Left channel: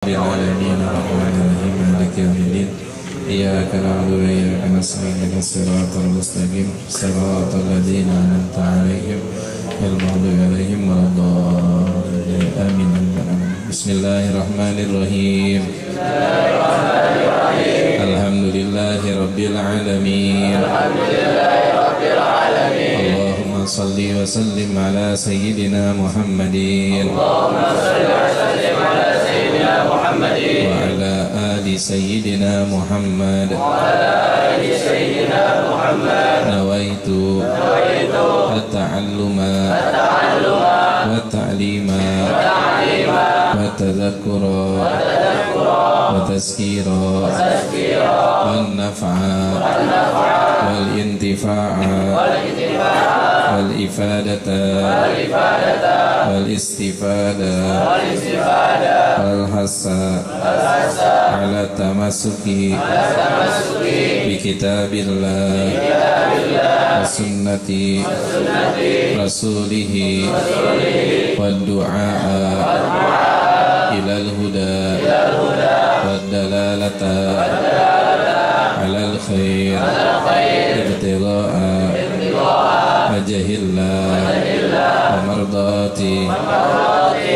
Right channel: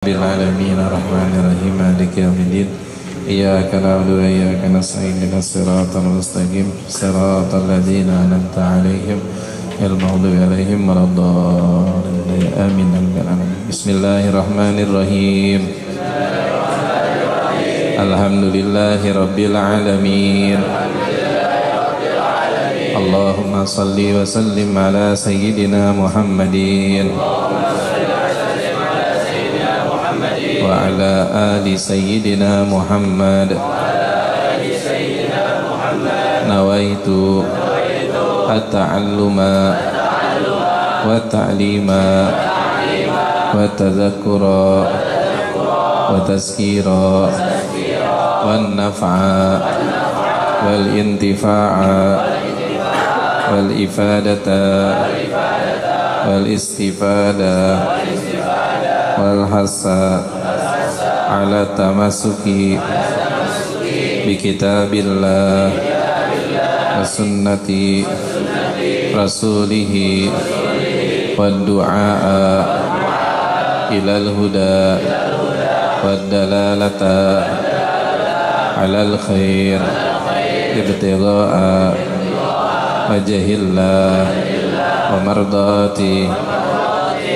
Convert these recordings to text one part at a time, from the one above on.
Alamin ar-Rahmanir-Rahim Maliki yaumiddin Iyyaka na'budu wa iyyaka nasta'in ihdinas siratal mustaqim siratal ladzina an'amta 'alaihim ghairil maghdubi 'alaihim waladdallin amin. Bismillahirrahmanirrahim. Alhamdulillahi rabbil alamin. Allahumma salli wa sallim ala sayyidina Muhammadin wa ala ali sayyidina Muhammad. Nawaitu at-ta'alluma wa ta'lima wa tadhakkura wa tazkira wa naf'a wal intifa'a wal ifadata wal istifada wal hasa ala tamasuki bi kitabillah wa sunnati rasulihi wa du'a ilal huda wa dalalata alal khair ibtigha'a wajahillah wa mardati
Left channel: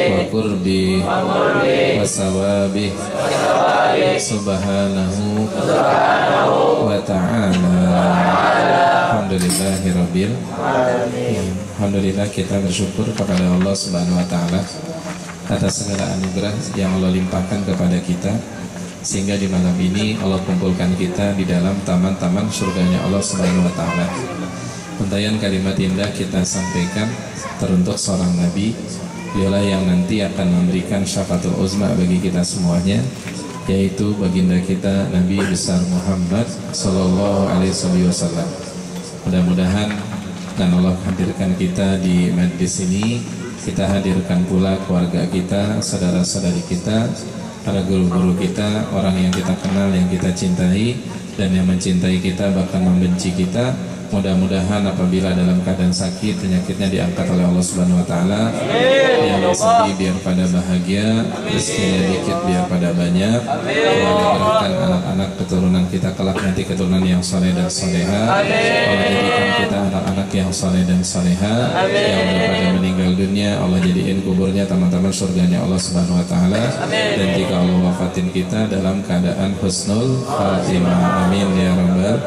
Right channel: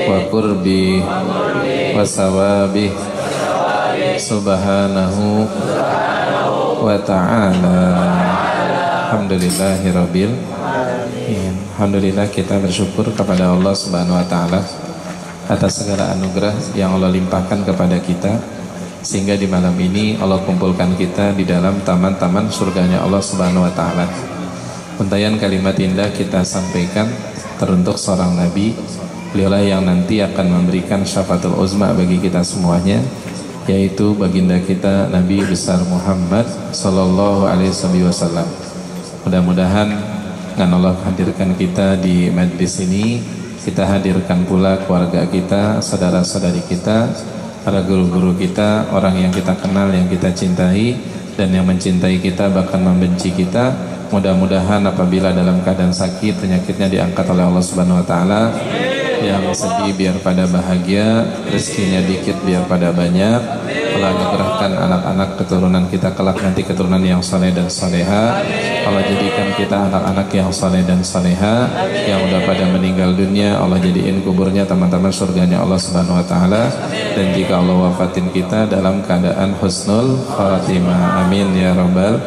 wa qurbi wa sawabi subhanahu wa ta'ala. Alhamdulillahirabbil alamin. Alhamdulillah, kita bersyukur kepada Allah Subhanahu wa taala atas segala anugerah yang Allah limpahkan kepada kita, sehingga di malam ini Allah kumpulkan kita di dalam taman-taman surganya Allah Subhanahu wa taala. Untayan kalimat indah kita sampaikan teruntuk seorang nabi, beliaulah yang nanti akan memberikan syafaatul uzma bagi kita semuanya, yaitu baginda kita Nabi besar Muhammad sallallahu alaihi wasallam. Mudah-mudahan dengan Allah hadirkan kita di majlis ini, kita hadirkan pula keluarga kita, saudara-saudari kita, para guru-guru kita, orang yang kita kenal, yang kita cintai, dan yang mencintai kita bahkan membenci kita. Mudah-mudahan apabila dalam keadaan sakit, penyakitnya diangkat oleh Allah Subhanahu wa taala. Yang sedih biar pada bahagia, rezekinya dikit biar pada banyak. Allah anugerahkan anak-anak keturunan kita kelak nanti keturunan yang soleh dan soleha. Allah jadikan kita anak-anak yang soleh dan soleha. Yang udah pada meninggal dunia, Allah jadiin kuburnya teman-teman surganya Allah Subhanahu wa taala. Dan jika Allah wafatin kita dalam keadaan husnul khatimah, amin ya rabbal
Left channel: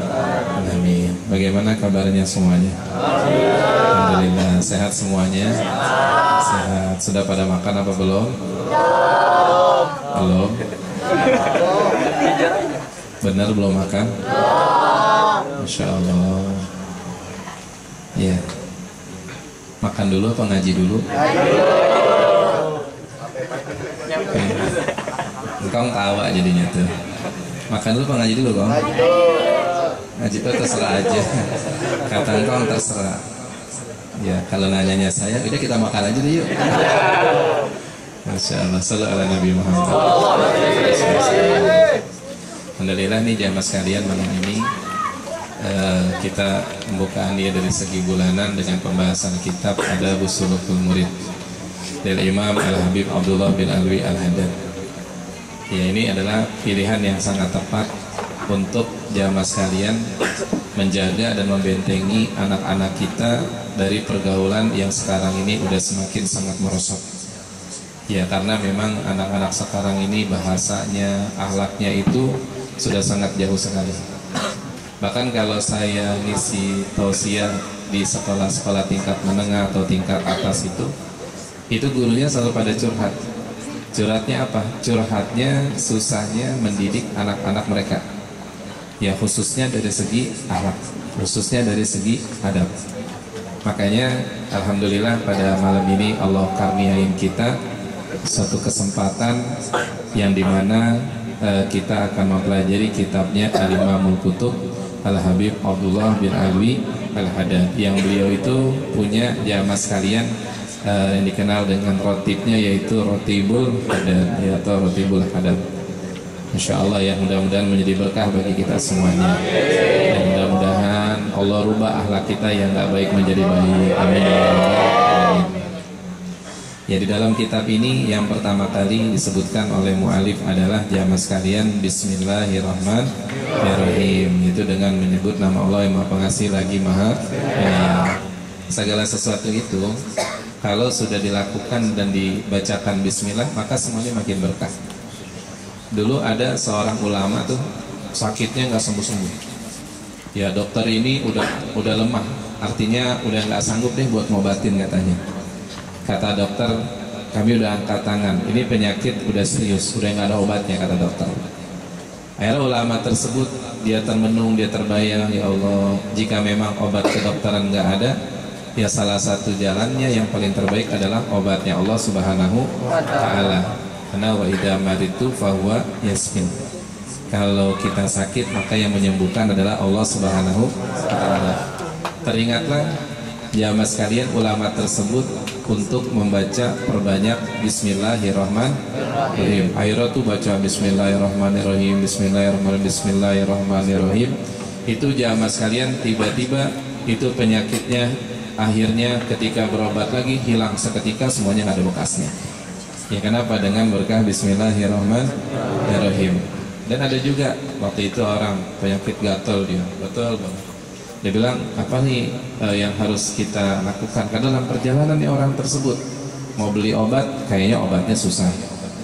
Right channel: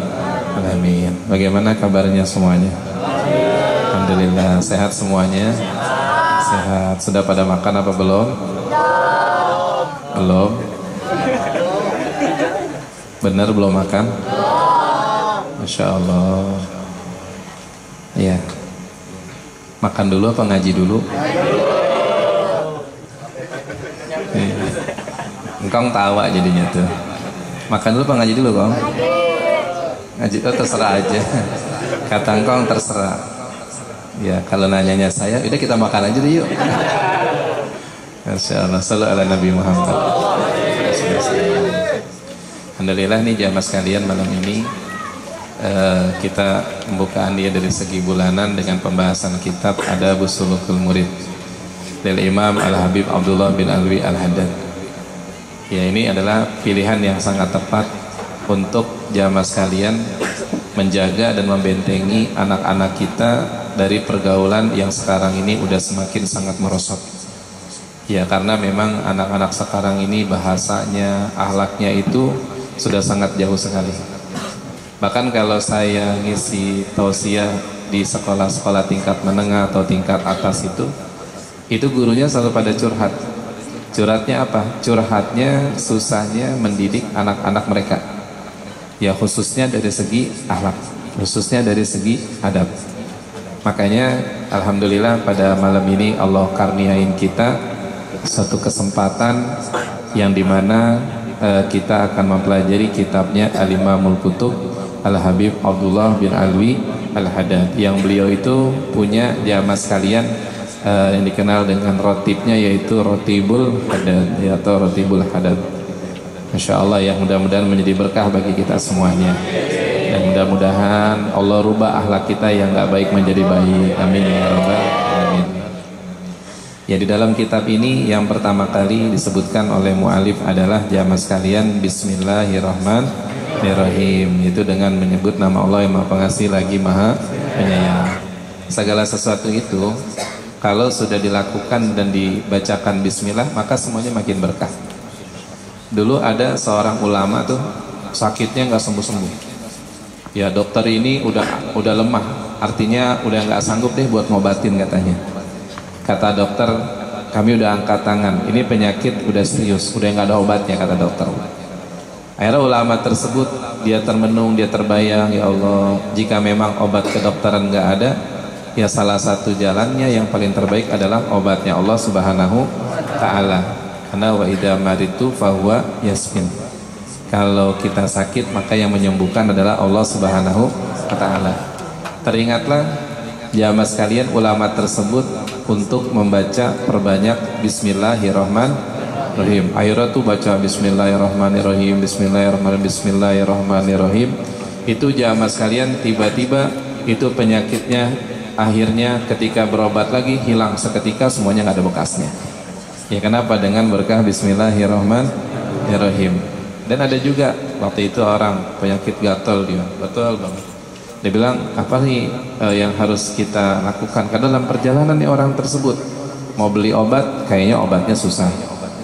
alamin. Bagaimana kabarnya semuanya? Alhamdulillah, sehat semuanya. Sehat. Sudah pada makan apa belum? Belum. Benar belum makan? Masya Allah. Iya. Makan dulu apa ngaji dulu? Engkau tawa jadinya tuh. Makan dulu apa ngaji dulu, Kong? Ngaji itu terserah aja. Kata engkau terserah. Ya, kalau nanyanya saya, udah kita makan aja deh yuk. Masya Allah, sallallahu ala Nabi Muhammad. Alhamdulillah nih jamaah sekalian, malam ini kita pembukaan dia dari segi bulanan dengan pembahasan kitab Adabus Sulukul Murid dari Imam Al-Habib Abdullah bin Alwi Al-Haddad. Ya, ini adalah pilihan yang sangat tepat untuk jamaah sekalian menjaga dan membentengi anak-anak kita dari pergaulan yang sekarang ini udah semakin sangat merosot. Ya, karena memang anak-anak sekarang ini bahasanya, akhlaknya itu sudah sangat jauh sekali. Bahkan kalau saya ngisi tausiah di sekolah-sekolah tingkat menengah atau tingkat atas itu gurunya selalu pada curhat. Curhatnya apa? Curhatnya susahnya mendidik anak-anak mereka. Ya, khususnya dari segi akhlak, khususnya dari segi adab. Makanya alhamdulillah pada malam ini Allah karniain kita satu kesempatan yang dimana kita akan mempelajari kitabnya Al-Imamul Kutub Al-Habib Abdullah bin Alwi Al-Haddad, yang beliau itu punya jamaah sekalian yang dikenal dengan rotibnya, yaitu Rotibul Haddad, atau Rotibul Haddad. Masya Allah, yang mudah-mudahan menjadi berkah bagi kita semuanya. Mudah-mudahan Allah rubah akhlak kita yang gak baik menjadi baik. Amin ya rabbal alamin. Ya, di dalam kitab ini yang pertama kali disebutkan oleh mu'alif adalah jamaah sekalian Bismillahirrahmanirrahim. Itu dengan menyebut nama Allah yang Maha Pengasih lagi Maha Penyayang. Segala sesuatu itu kalau sudah dilakukan dan dibacakan Bismillah, maka semuanya makin berkah. Dulu ada seorang ulama tuh sakitnya nggak sembuh-sembuh. Ya, dokter ini udah lemah, artinya udah nggak sanggup deh buat ngobatin katanya. Kata dokter, kami udah angkat tangan, ini penyakit udah serius, udah nggak ada obatnya, kata dokter. Akhirnya ulama tersebut dia termenung, dia terbayang, ya Allah, jika memang obat kedokteran nggak ada, ya salah satu jalannya yang paling terbaik adalah obatnya Allah Subhanahu wa Ta'ala. Karena wa idza maritu fahuwa yasfin. Kalau kita sakit, maka yang menyembuhkan adalah Allah Subhanahu wa Ta'ala. Teringatlah jamaah sekalian, ulama tersebut untuk membaca perbanyak Bismillahirrahmanirrahim. Akhirnya tuh baca Bismillahirrahmanirrahim, Bismillahirrahmanirrahim. Itu jamaah sekalian, tiba-tiba itu penyakitnya akhirnya ketika berobat lagi hilang seketika, semuanya nggak ada bekasnya. Ya, kenapa? Dengan berkah Bismillahirrahmanirrahim. Dan ada juga waktu itu orang penyakit gatal, dia betul banget. Dia bilang, apa nih yang harus kita lakukan? Karena dalam perjalanan orang tersebut mau beli obat, kayaknya obatnya susah.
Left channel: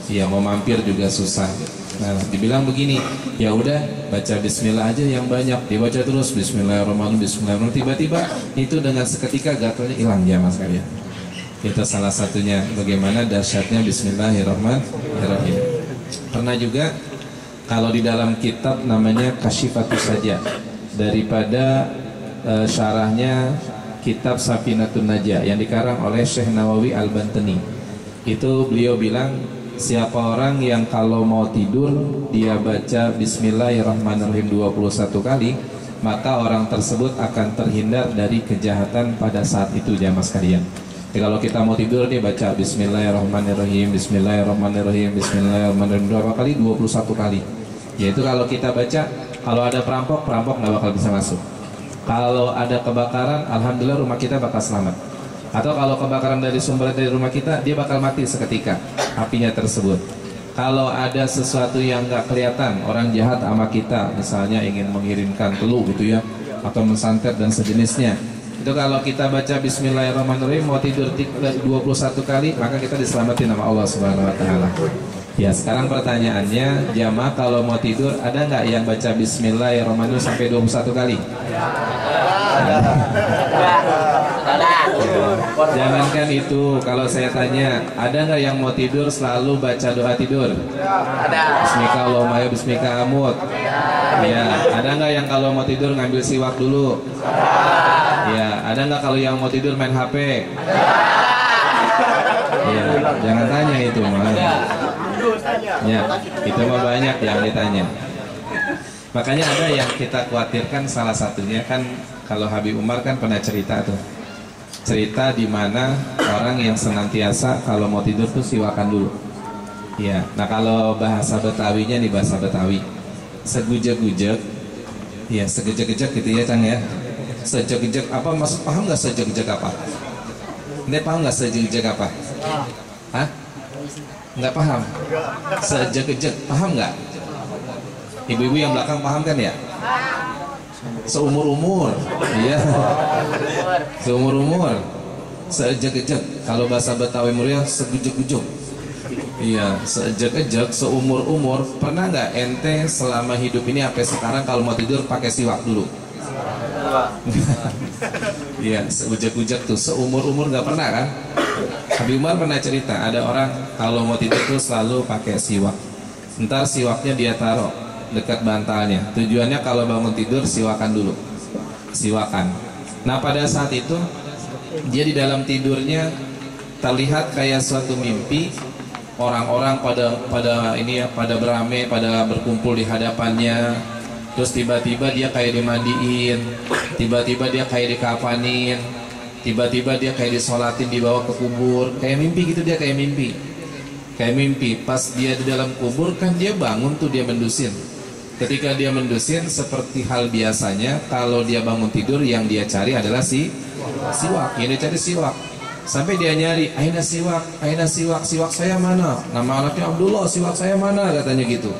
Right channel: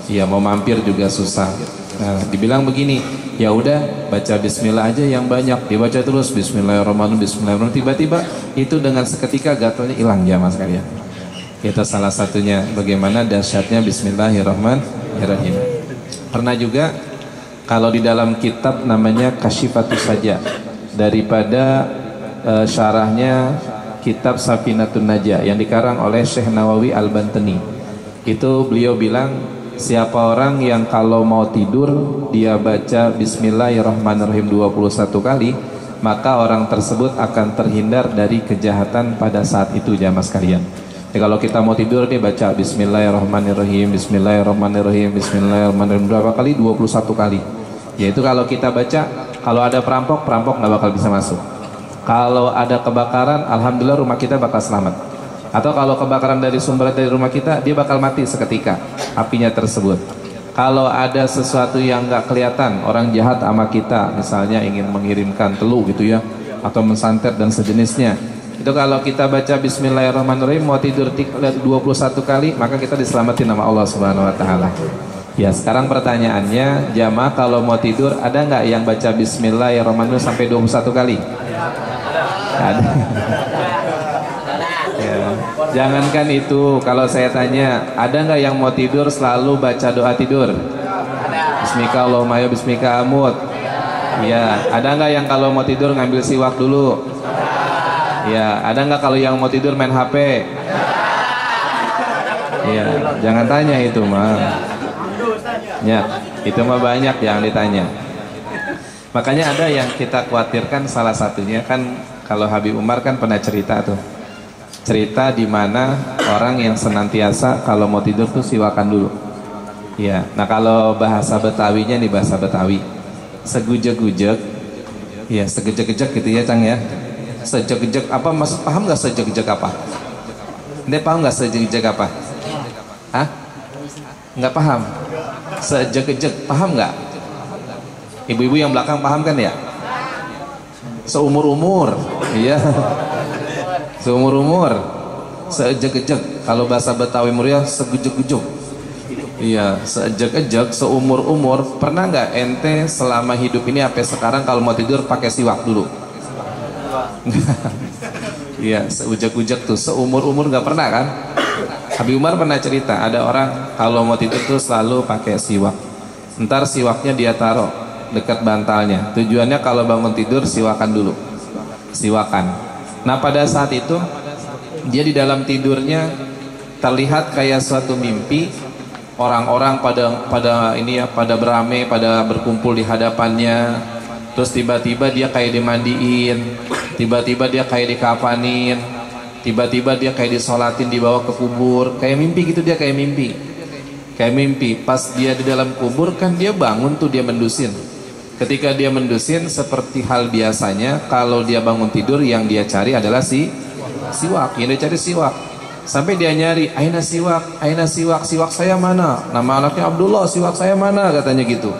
Iya, mau mampir juga susah. Nah, dibilang begini, ya udah baca Bismillah aja yang banyak. Dibaca terus Bismillahirrahmanirrahim, Bismillahirrahmanirrahim. Tiba-tiba itu dengan seketika gatalnya hilang jamaah sekalian. Itu salah satunya bagaimana dahsyatnya Bismillahirrahmanirrahim. Pernah juga kalau di dalam kitab namanya Kasyifatus Saja, daripada syarahnya kitab Safinatun Najah yang dikarang oleh Syekh Nawawi Al-Bantani. Itu beliau bilang, siapa orang yang kalau mau tidur dia baca Bismillahirrahmanirrahim 21 kali, maka orang tersebut akan terhindar dari kejahatan pada saat itu jamaah sekalian. Jadi kalau kita mau tidur dia baca Bismillahirrahmanirrahim, Bismillahirrahmanirrahim, Bismillahirrahmanirrahim berapa kali? 21 kali. Yaitu kalau kita baca, kalau ada perampok nggak bakal bisa masuk. Kalau ada kebakaran, alhamdulillah rumah kita bakal selamat. Atau kalau kebakaran dari sumber dari rumah kita, dia bakal mati seketika apinya tersebut. Kalau ada sesuatu yang nggak kelihatan, orang jahat sama kita, misalnya ingin mengirimkan teluh gitu ya, atau mensantet dan sejenisnya, itu kalau kita baca Bismillahirrahmanirrahim mau tidur 21 kali, maka kita diselamatin sama Allah Subhanahu wa Ta'ala. Ya, sekarang pertanyaannya, jamaah kalau mau tidur ada nggak yang baca Bismillahirrahmanirrahim sampai 21 kali? Jangankan itu, kalau saya tanya, ada nggak yang mau tidur selalu baca doa tidur? Bismika Allahumma ya bismika amut. Ya, ada nggak yang kalau mau tidur ngambil siwak dulu? Ya, ada nggak kalau yang mau tidur main HP? Ya, jangan tanya itu mah. Ya, itu mah banyak yang ditanya. Makanya ada yang kita khawatirkan, salah satunya kan kalau Habib Umar kan pernah cerita tuh. Cerita di mana orang yang senantiasa kalau mau tidur tuh siwakan dulu. Ya, nah kalau bahasa Betawinya nih, bahasa Betawi, segujek-gujek. Ya, segejek-gejek gitu ya, Cang ya. Sejek-gejek apa, maksud paham nggak sejek-gejek apa? Ini paham nggak sejek-gejek apa? Hah? Nggak paham? Sejek-gejek, paham nggak? Ibu-ibu yang belakang paham kan ya? Seumur-umur, iya. Seumur-umur, seejek-ejek. Kalau bahasa Betawi Muria, segujek-gujek. Iya, seejek-ejek, seumur-umur. Pernah nggak ente selama hidup ini sampai sekarang kalau mau tidur pakai siwak dulu? Iya, seujek-ujek tuh, seumur-umur nggak pernah kan? Habib Umar pernah cerita, ada orang kalau mau tidur tuh selalu pakai siwak. Ntar siwaknya dia taruh dekat bantalnya. Tujuannya kalau bangun tidur siwakan dulu. Siwakan. Nah, pada saat itu dia di dalam tidurnya terlihat kayak suatu mimpi, orang-orang pada ini ya, pada beramai, pada berkumpul di hadapannya. Terus tiba-tiba dia kayak dimandiin, tiba-tiba dia kayak dikafanin, tiba-tiba dia kayak disolatin, dibawa ke kubur. Kayak mimpi gitu, dia kayak mimpi. Kayak mimpi. Pas dia di dalam kubur kan dia bangun tuh, dia mendusin. Ketika dia mendusin, seperti hal biasanya, kalau dia bangun tidur yang dia cari adalah siwak. Yang dia cari siwak. Sampai dia nyari, aina siwak, siwak saya mana? Nama anaknya Abdullah, siwak saya mana? Katanya gitu.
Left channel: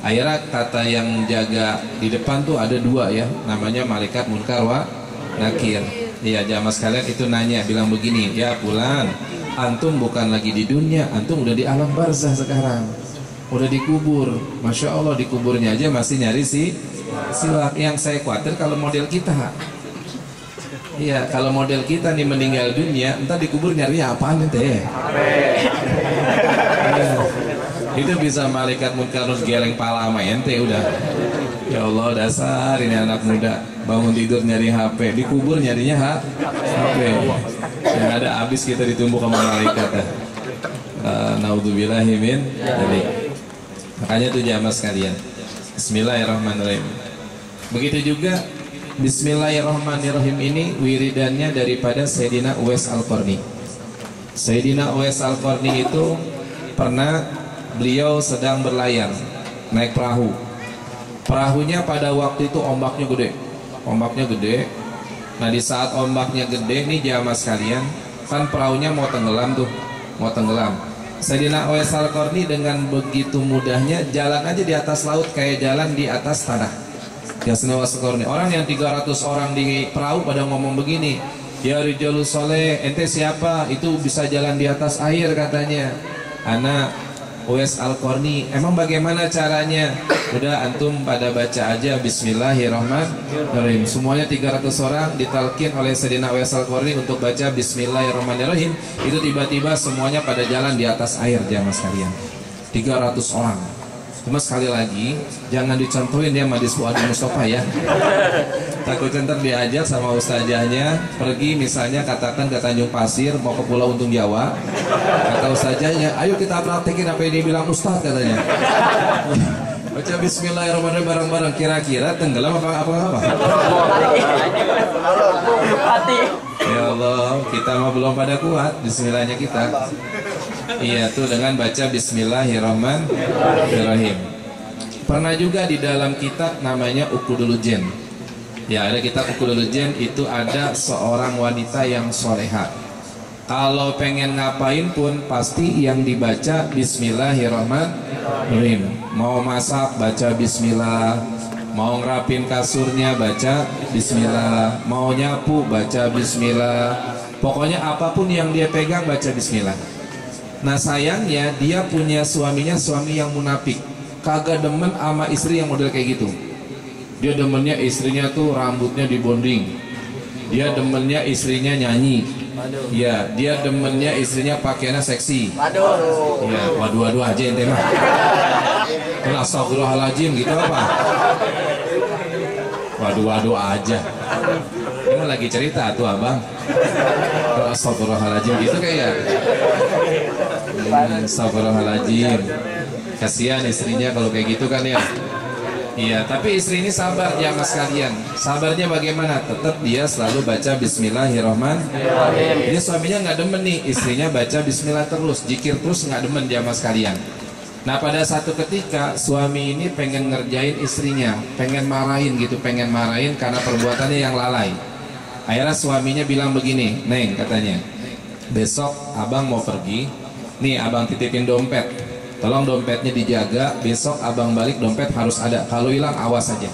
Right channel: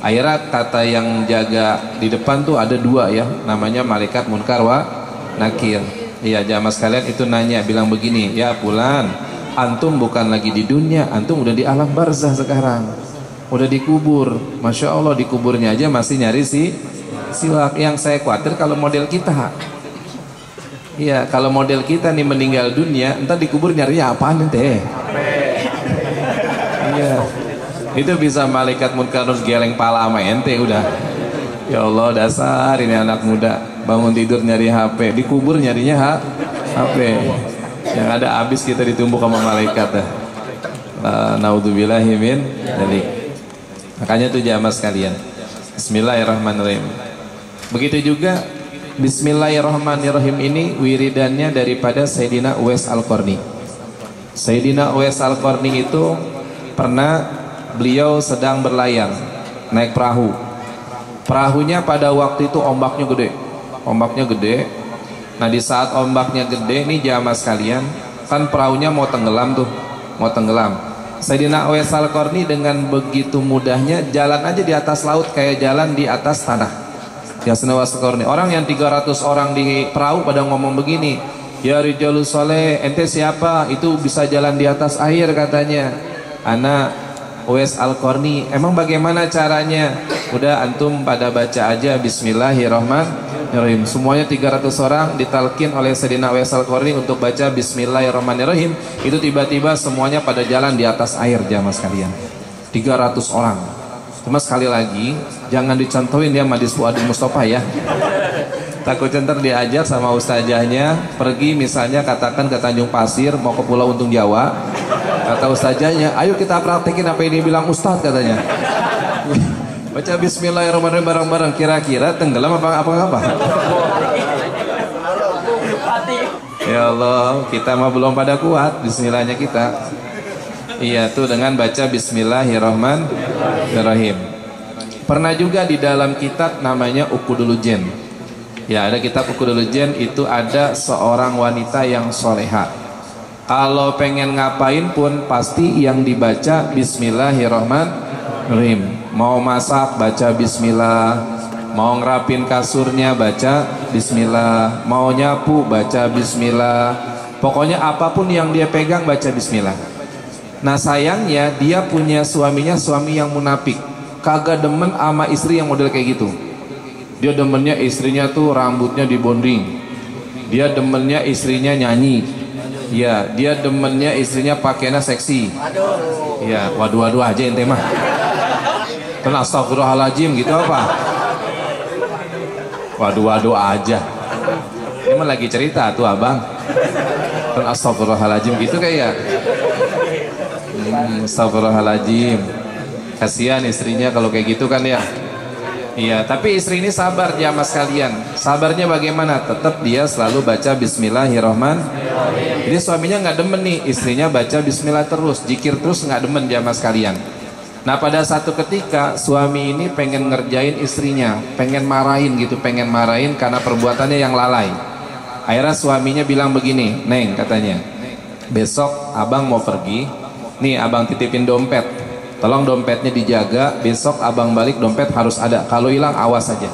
Akhirnya kata yang jaga di depan tuh ada 2 ya, namanya malaikat munkar wa nakir. Iya, jamaah sekalian itu nanya, bilang begini, ya Fulan, antum bukan lagi di dunia, antum udah di alam barzah sekarang, udah dikubur. Masya Allah, dikuburnya aja masih nyari siwak. Yang saya khawatir kalau model kita. Iya, kalau model kita nih meninggal dunia, entar dikubur nyarinya apaan teh? Iya. Itu bisa malaikat munkar geleng pala sama ente udah. Ya Allah, dasar ini anak muda, bangun tidur nyari HP, dikubur nyarinya HP. Yang ada habis kita ditumbuk sama malaikat. Naudzubillahi min dzalik. Makanya tuh jamaah sekalian, bismillahirrahmanirrahim. Begitu juga bismillahirrahmanirrahim ini wiridannya daripada Sayyidina Uwais Al-Qarni. Sayyidina Uwais Al-Qarni itu pernah beliau sedang berlayar naik perahu. Perahunya pada waktu itu ombaknya gede. Nah, di saat ombaknya gede nih jamaah sekalian, kan perahunya mau tenggelam. Sayyidina Uwais Al-Qarni dengan begitu mudahnya jalan aja di atas laut kayak jalan di atas tanah. Ya Al-Qarni. Orang yang 300 orang di perahu pada ngomong begini, ya Rijalus Soleh, ente siapa? Itu bisa jalan di atas air katanya. Anak Uwais Al-Qarni. Emang bagaimana caranya? Udah antum pada baca aja bismillahirrahmanirrahim. Semuanya 300 orang ditalkin oleh Sayyidina Uwais Al-Qarni untuk baca bismillahirrahmanirrahim. Itu tiba-tiba semuanya pada jalan di atas air jamaah sekalian. 300 orang. Cuma sekali lagi, jangan dicontohin ya Madis Fuadi Mustafa ya. Takut ntar diajak sama ustazahnya pergi misalnya katakan ke Tanjung Pasir mau ke Pulau Untung Jawa. Kata ustazahnya, ayo kita praktekin apa yang dia bilang ustaz katanya. Baca bismillahirrahmanirrahim bareng-bareng, kira-kira tenggelam apa? Ya Allah, kita mah belum pada kuat bismillahnya kita. Iya tuh dengan baca bismillahirrahmanirrahim. Pernah juga di dalam kitab namanya Uqudul Jen. Ya, ada kitab Uqudul Jen, itu ada seorang wanita yang soleha. Kalau pengen ngapain pun pasti yang dibaca bismillahirrahmanirrahim. Mau masak baca bismillah, mau ngerapin kasurnya baca bismillah, mau nyapu baca bismillah. Pokoknya apapun yang dia pegang baca bismillah. Nah sayangnya dia punya suami yang munafik, kagak demen sama istri yang model kayak gitu. Dia demennya istrinya tuh rambutnya dibonding, dia demennya istrinya nyanyi, ya dia demennya istrinya pakainya seksi. Ya waduh aja ente mah. Kan astagfirullahaladzim gitu apa? Waduh aja. Ini mah lagi cerita tuh abang. Kan astagfirullahaladzim gitu kayak. Astagfirullahaladzim. Kasihan istrinya kalau kayak gitu kan ya. Iya, tapi istri ini sabar jamaah sekalian. Sabarnya bagaimana? Tetap dia selalu baca bismillahirrahmanirrahim. Ini suaminya nggak demen nih, istrinya baca bismillah terus, zikir terus, nggak demen jamaah sekalian. Nah pada satu ketika suami ini pengen ngerjain istrinya, pengen marahin karena perbuatannya yang lalai. Akhirnya suaminya bilang begini, Neng katanya, besok abang mau pergi, nih abang titipin dompet, tolong dompetnya dijaga, besok abang balik dompet harus ada, kalau hilang awas saja.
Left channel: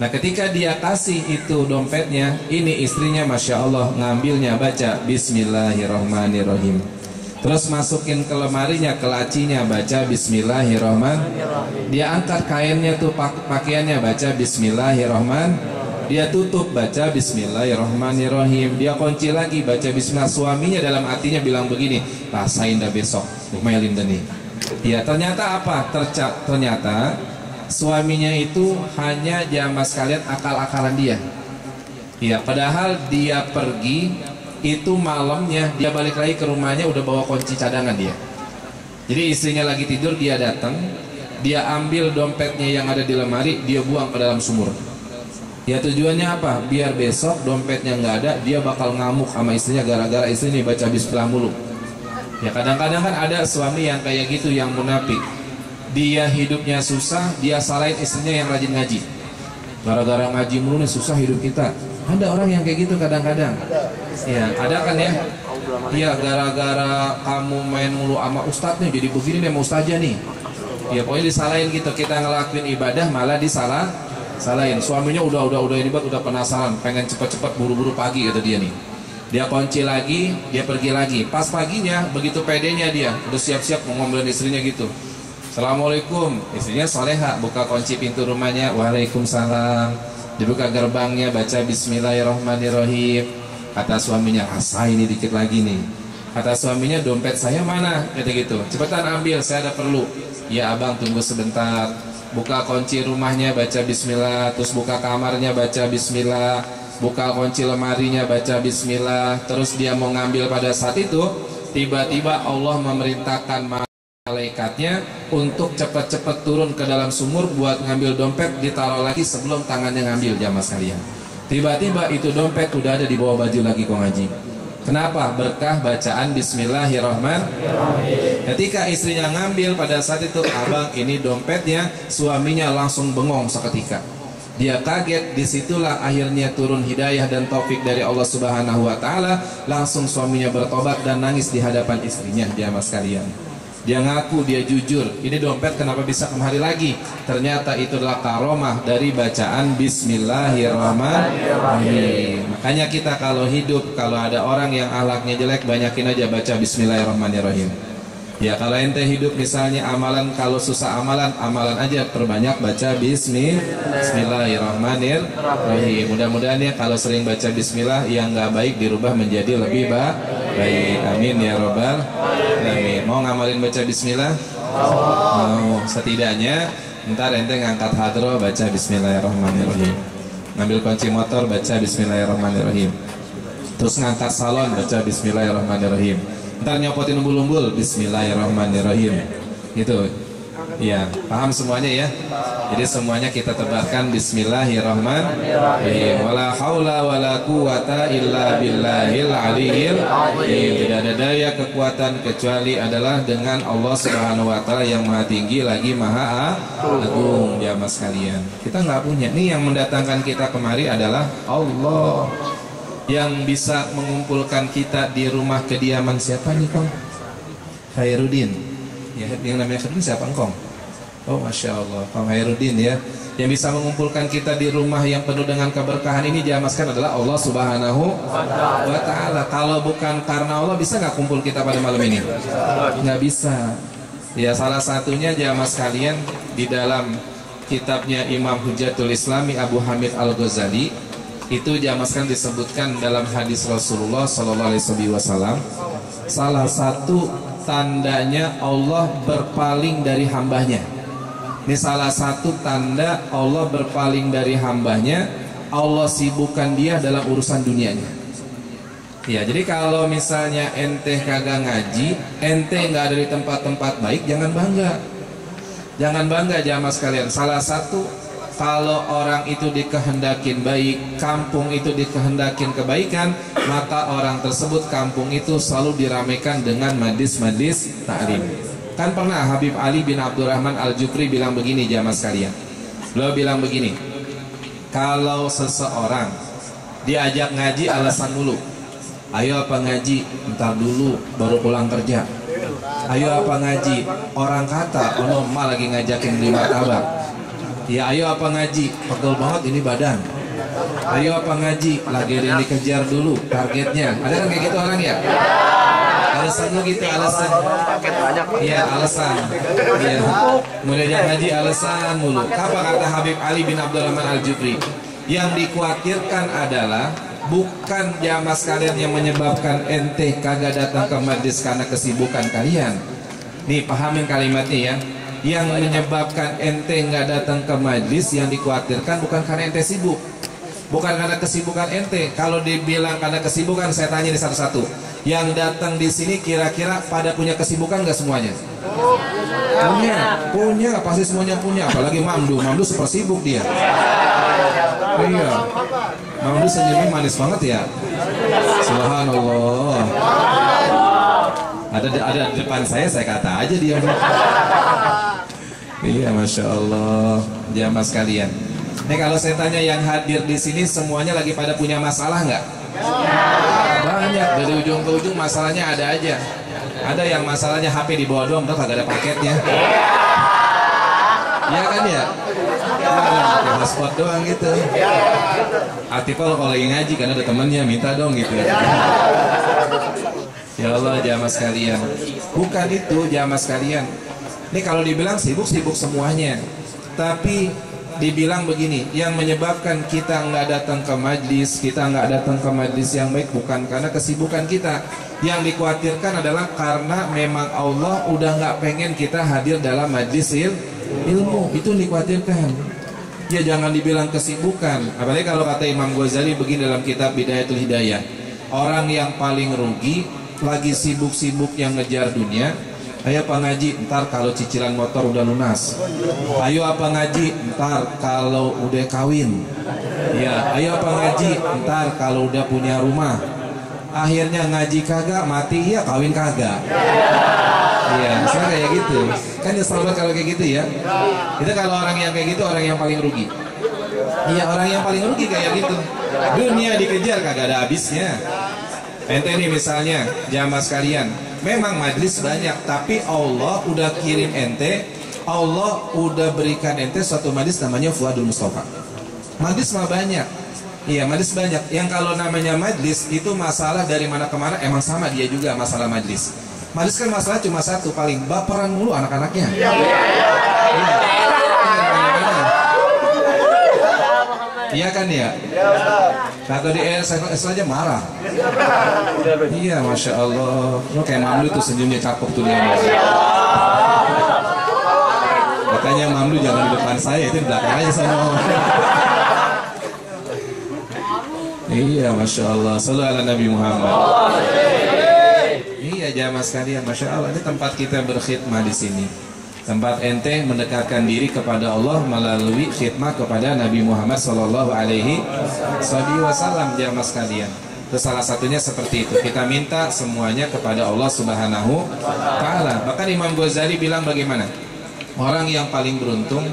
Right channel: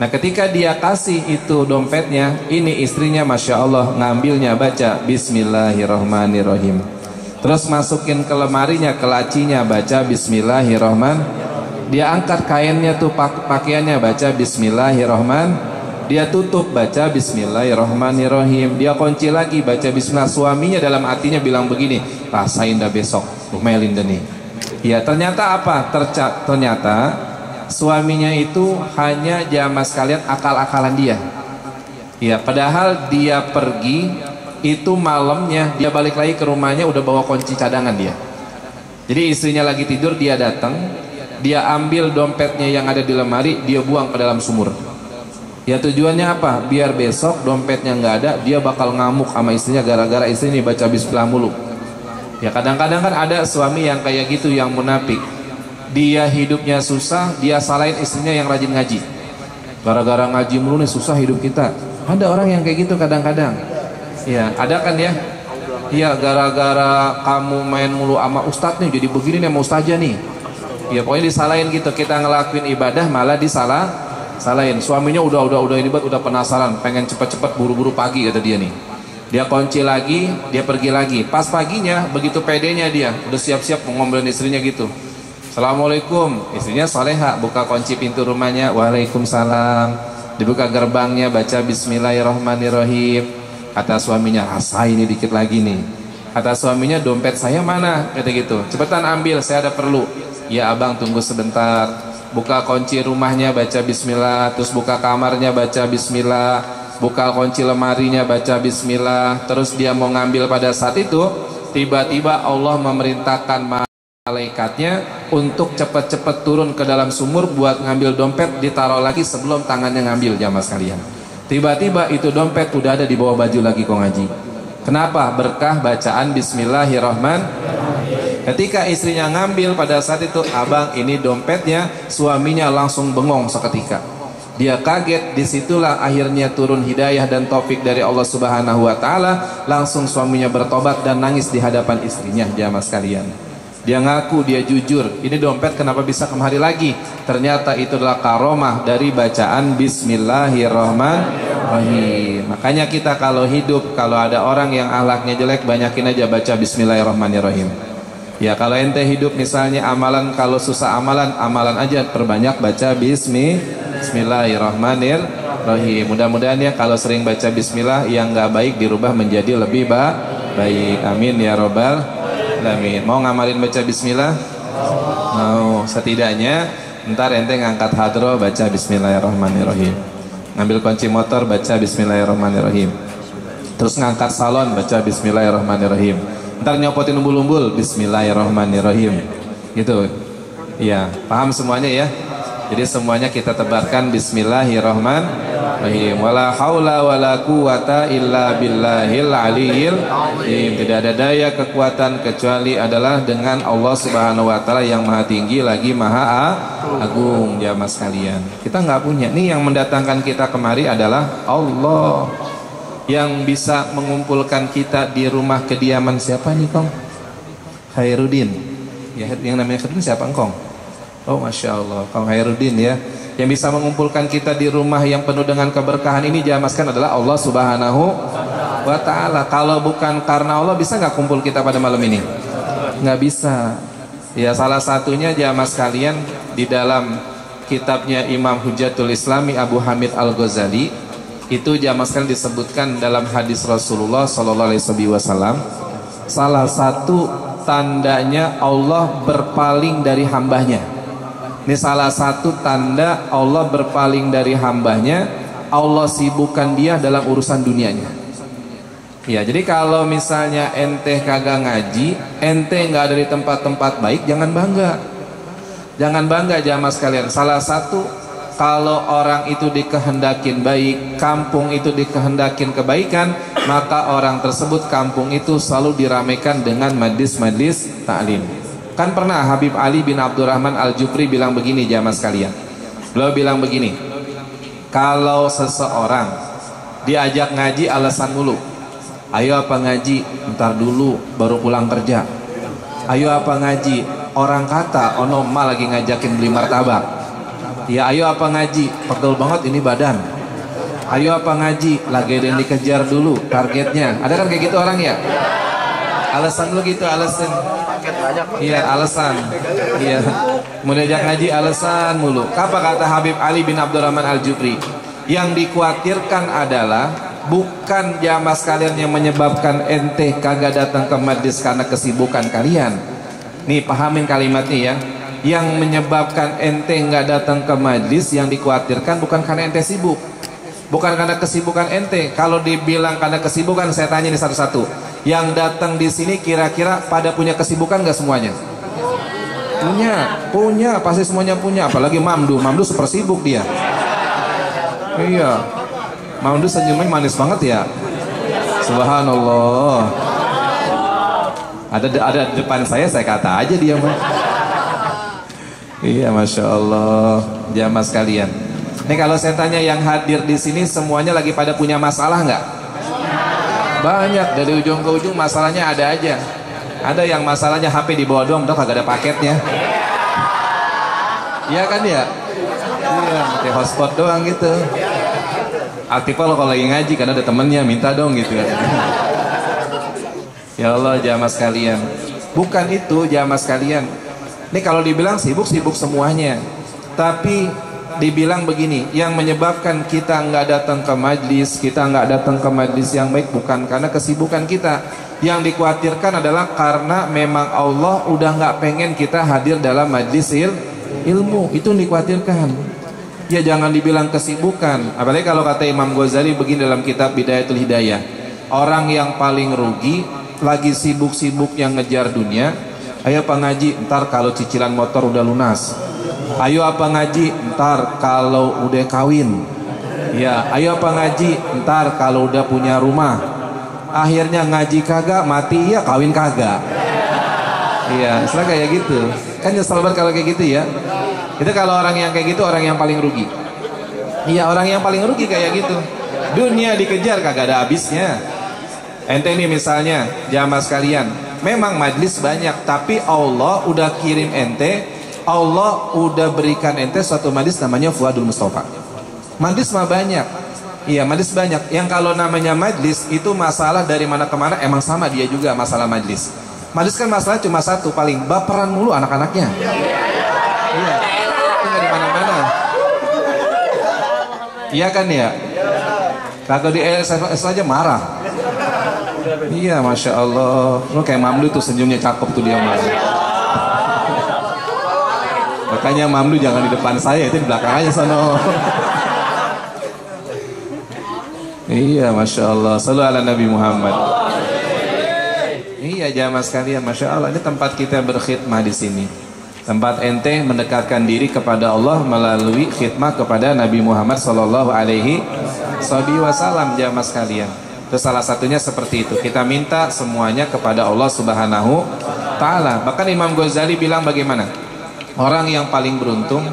Nah ketika dia kasih itu dompetnya, ini istrinya Masya Allah ngambilnya baca bismillahirrahmanirrahim, terus masukin ke lemarinya, ke lacinya baca bismillahirrahmanirrahim. Dia angkat kainnya tuh pakaiannya baca bismillahirrahmanirrahim. Dia tutup baca bismillahirrahmanirrahim. Dia kunci lagi baca bismillah. Suaminya dalam hatinya bilang begini, rasain dah besok umelin dah nih. Ya ternyata apa? Ternyata suaminya itu hanya jamaah sekalian akal-akalan dia. Ya padahal dia pergi itu malamnya, dia balik lagi ke rumahnya udah bawa kunci cadangan dia. Jadi istrinya lagi tidur, dia datang, dia ambil dompetnya yang ada di lemari, dia buang ke dalam sumur. Ya tujuannya apa? Biar besok dompetnya nggak ada, dia bakal ngamuk sama istrinya gara-gara istri ini baca bismillah mulu. Ya kadang-kadang kan ada suami yang kayak gitu, yang munafik. Dia hidupnya susah, dia salahin istrinya yang rajin ngaji. Gara-gara ngaji mulu nih susah hidup kita. Ada orang yang kayak gitu kadang-kadang. Ya ada kan ya. Iya, gara-gara kamu main mulu sama ustadz nih, jadi begini nih sama ustaznya nih. Ya pokoknya disalahin gitu, kita ngelakuin ibadah malah salahin. Suaminya udah ini buat udah penasaran, pengen cepet-cepet buru-buru pagi kata dia nih. Dia kunci lagi, dia pergi lagi. Pas paginya begitu pedenya dia, udah siap-siap mau ngomelin istrinya gitu. Assalamualaikum, istrinya soleha, buka kunci pintu rumahnya, waalaikumsalam. Dibuka gerbangnya, baca bismillahirrahmanirrahim. Kata suaminya, asa ini dikit lagi nih. Kata suaminya, dompet saya mana? Kata gitu, cepetan ambil, saya ada perlu. Ya abang tunggu sebentar. Buka kunci rumahnya, baca bismillah. Terus buka kamarnya, baca bismillah. Buka kunci lemarinya, baca bismillah. Terus dia mau ngambil pada saat itu, tiba-tiba Allah memerintahkan malaikatnya untuk cepat-cepat turun ke dalam sumur buat ngambil dompet, ditaruh lagi sebelum tangannya ngambil. Jamaah sekalian, tiba-tiba itu dompet udah ada di bawah baju lagi kok ngaji. Kenapa? Berkah bacaan bismillahirrahmanirrahim. Ketika istrinya ngambil pada saat itu, abang ini dompetnya, suaminya langsung bengong seketika. Dia kaget, disitulah akhirnya turun hidayah dan taufik dari Allah Subhanahu wa Ta'ala. Langsung suaminya bertobat dan nangis di hadapan istrinya. Jamaah sekalian, dia ngaku, dia jujur, ini dompet kenapa bisa kemari lagi? Ternyata itu adalah karomah dari bacaan bismillahirrahmanirrahim. Makanya kita kalau hidup, kalau ada orang yang akhlaknya jelek, banyakin aja baca bismillahirrahmanirrahim. Ya kalau ente hidup misalnya amalan, kalau susah amalan aja perbanyak baca bismillahirrahmanirrahim. Mudah-mudahan ya kalau sering baca bismillah, yang gak baik dirubah menjadi lebih baik. Amin ya robbal. Amin. Mau ngamalin baca bismillah? Mau. Setidaknya ntar ente ngangkat hadro baca bismillahirrahmanirrahim. Ngambil kunci motor baca bismillahirrahmanirrahim. Terus ngangkat salon baca bismillahirrahmanirrahim. Ntar nyopotin umbul-umbul bismillahirrahmanirrahim. Gitu. Iya, paham semuanya ya? Jadi semuanya kita tebarkan bismillahirrahmanirrahim. Wala haula wala quwata illa billahil aliyil azim. Tidak ada daya kekuatan kecuali adalah dengan Allah Subhanahu wa Ta'ala yang maha tinggi lagi maha agung. Jamaah sekalian, kita nggak punya. Nih yang mendatangkan kita kemari adalah Allah. Yang bisa mengumpulkan kita di rumah kediaman siapa nih Kong? Khairuddin. Ya, yang namanya Khairuddin siapa Kong? Oh Masya Allah, Kang Khairuddin ya. Yang bisa mengumpulkan kita di rumah yang penuh dengan keberkahan ini, jamaskan adalah Allah Subhanahu wa Ta'ala. Kalau bukan karena Allah, bisa nggak kumpul kita pada malam ini? Nggak bisa. Ya salah satunya jamaah sekalian, di dalam kitabnya Imam Hujjatul Islami Abu Hamid Al-Ghazali, itu jamaah sekalian disebutkan dalam hadis Rasulullah SAW, salah satu tandanya Allah berpaling dari hambanya. Ini salah satu tanda Allah berpaling dari hambanya, Allah sibukkan dia dalam urusan dunianya. Ya, jadi kalau misalnya ente kagak ngaji, ente nggak ada di tempat-tempat baik, jangan bangga. Jangan bangga jamaah sekalian. Salah satu, kalau orang itu dikehendakin baik, kampung itu dikehendakin kebaikan, maka orang tersebut, kampung itu selalu diramaikan dengan majlis-majlis ta'lim. Kan pernah Habib Ali bin Abdurrahman Al-Jufri bilang begini jamaah sekalian. Beliau bilang begini, kalau seseorang diajak ngaji alasan mulu, ayo apa ngaji, ntar dulu baru pulang kerja. Ayo apa ngaji, orang kata ono emak lagi ngajakin beli martabak. Ya ayo apa ngaji, pegel banget ini badan. Ayo apa ngaji, lagi ada yang dikejar dulu targetnya. Ada kan kayak gitu orang ya? Alasan lu gitu, alasan. Iya, alasan. Iya. Mau diajak ngaji alasan mulu. Apa kata Habib Ali bin Abdurrahman Al-Jufri? Yang dikhawatirkan adalah bukan jamaah sekalian yang menyebabkan ente kagak datang ke majlis karena kesibukan kalian. Nih, pahamin kalimatnya ya. Yang menyebabkan ente nggak datang ke majlis, yang dikhawatirkan bukan karena ente sibuk. Bukan karena kesibukan ente. Kalau dibilang karena kesibukan, saya tanya ini satu-satu. Yang datang di sini kira-kira pada punya kesibukan nggak semuanya? Punya, pasti semuanya punya. Apalagi Mamdu super sibuk dia. Iya, Mamdu senyumnya manis banget ya. Subhanallah. Ada di depan saya kata aja dia. Iya, Masya Allah. Jamaah sekalian. Nih kalau saya tanya yang hadir di sini semuanya lagi pada punya masalah nggak? Banyak, dari ujung ke ujung masalahnya ada aja. Ada yang masalahnya HP di bawah doang, udah kagak ada paketnya. Iya kan ya? Pakai hotspot doang gitu. Aktif kalau lagi ngaji karena ada temennya minta dong gitu ya. Ya Allah jamaah sekalian, bukan itu jamaah sekalian. Ini kalau dibilang sibuk-sibuk semuanya, tapi dibilang begini, yang menyebabkan kita nggak datang ke majlis, kita nggak datang ke majlis yang baik bukan karena kesibukan kita. Yang dikhawatirkan adalah karena memang Allah udah nggak pengen kita hadir dalam majlis ilmu. Itu yang dikhawatirkan. Ya jangan dibilang kesibukan. Apalagi kalau kata Imam Ghazali begini dalam kitab Bidayatul Hidayah, orang yang paling rugi lagi sibuk-sibuk yang ngejar dunia. Ayo apa ngaji, ntar kalau cicilan motor udah lunas. Ayo apa ngaji, ntar kalau udah kawin. Ya, ayo apa ngaji, ntar kalau udah punya rumah. Akhirnya ngaji kagak, mati ya kawin kagak. Iya, misalnya kayak gitu. Kan nyesel banget kalau kayak gitu ya. Itu kalau orang yang kayak gitu orang yang paling rugi. Iya, orang yang paling rugi kayak gitu. Dunia dikejar kagak ada habisnya. Ente nih misalnya jamaah sekalian, memang majlis banyak, tapi Allah udah kirim ente, Allah udah berikan ente suatu majlis namanya Fuadul Mustafa. Majlis mah banyak. Iya, majlis banyak. Yang kalau namanya majlis itu masalah dari mana ke mana emang sama dia juga masalah majlis. Majlis kan masalah cuma satu, paling baperan mulu anak-anaknya. Iya. Iya kan ya? Kalau di S aja marah. Iya, Masya Allah. Lo kayak Mamlu tuh senyumnya cakep tuh dia. Makanya Mamlu jangan di depan saya, itu di belakang aja sana. Iya, Masya Allah. Sallallahu ala Nabi Muhammad. Iya, jamaah sekalian, Masya Allah. Ini tempat kita berkhidmah di sini. Tempat ente mendekatkan diri kepada Allah melalui khidmah kepada Nabi Muhammad Sallallahu Alaihi Wasallam, jamaah sekalian. Itu salah satunya seperti itu. Kita minta semuanya kepada Allah Subhanahu Ta'ala. Bahkan Imam Ghazali bilang bagaimana? Orang yang paling beruntung,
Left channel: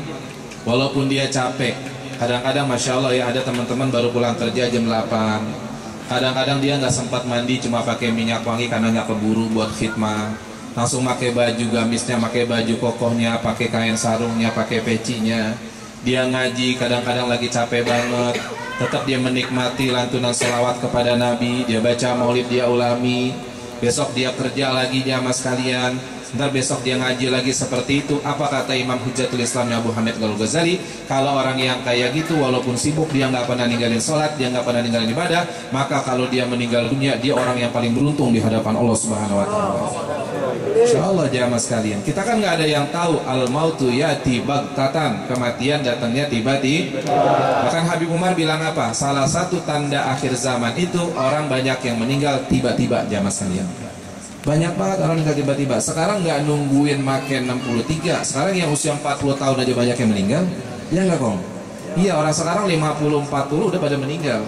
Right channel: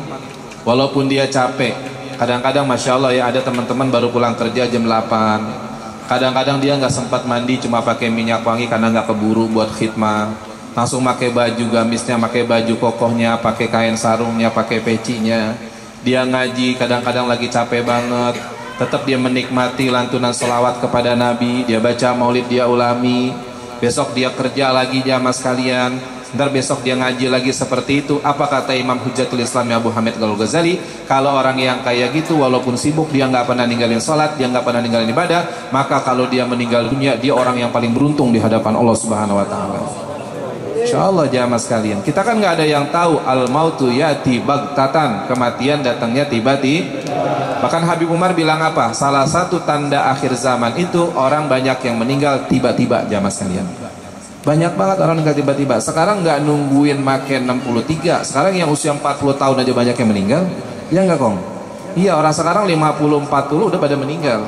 walaupun dia capek. Kadang-kadang Masya Allah ya, ada teman-teman baru pulang kerja jam 8. Kadang-kadang dia nggak sempat mandi, cuma pakai minyak wangi karena nggak keburu buat khidmah. Langsung pakai baju gamisnya, pakai baju kokohnya, pakai kain sarungnya, pakai pecinya. Dia ngaji, kadang-kadang lagi capek banget, tetap dia menikmati lantunan selawat kepada Nabi. Dia baca maulid, dia ulami. Besok dia kerja lagi jamaah sekalian. Ntar besok dia ngaji lagi seperti itu. Apa kata Imam Hujjatul Islam Abu Hamid Al-Ghazali? Kalau orang yang kayak gitu, walaupun sibuk, dia nggak pernah ninggalin sholat, dia nggak pernah ninggalin ibadah, maka kalau dia meninggal dunia, dia orang yang paling beruntung di hadapan Allah Subhanahu Wa Taala. Insyaallah jamaah sekalian, kita kan nggak ada yang tahu al-mautu yati baghtatan, kematian datangnya tiba-tiba. Bahkan Habib Umar bilang apa? Salah satu tanda akhir zaman itu orang banyak yang meninggal tiba-tiba, jamaah sekalian. Banyak banget orang meninggal tiba-tiba. Sekarang nggak nungguin makin 63, sekarang yang usia 40 tahun aja banyak yang meninggal. Ya nggak Kong? Iya, orang sekarang 50-40 udah pada meninggal.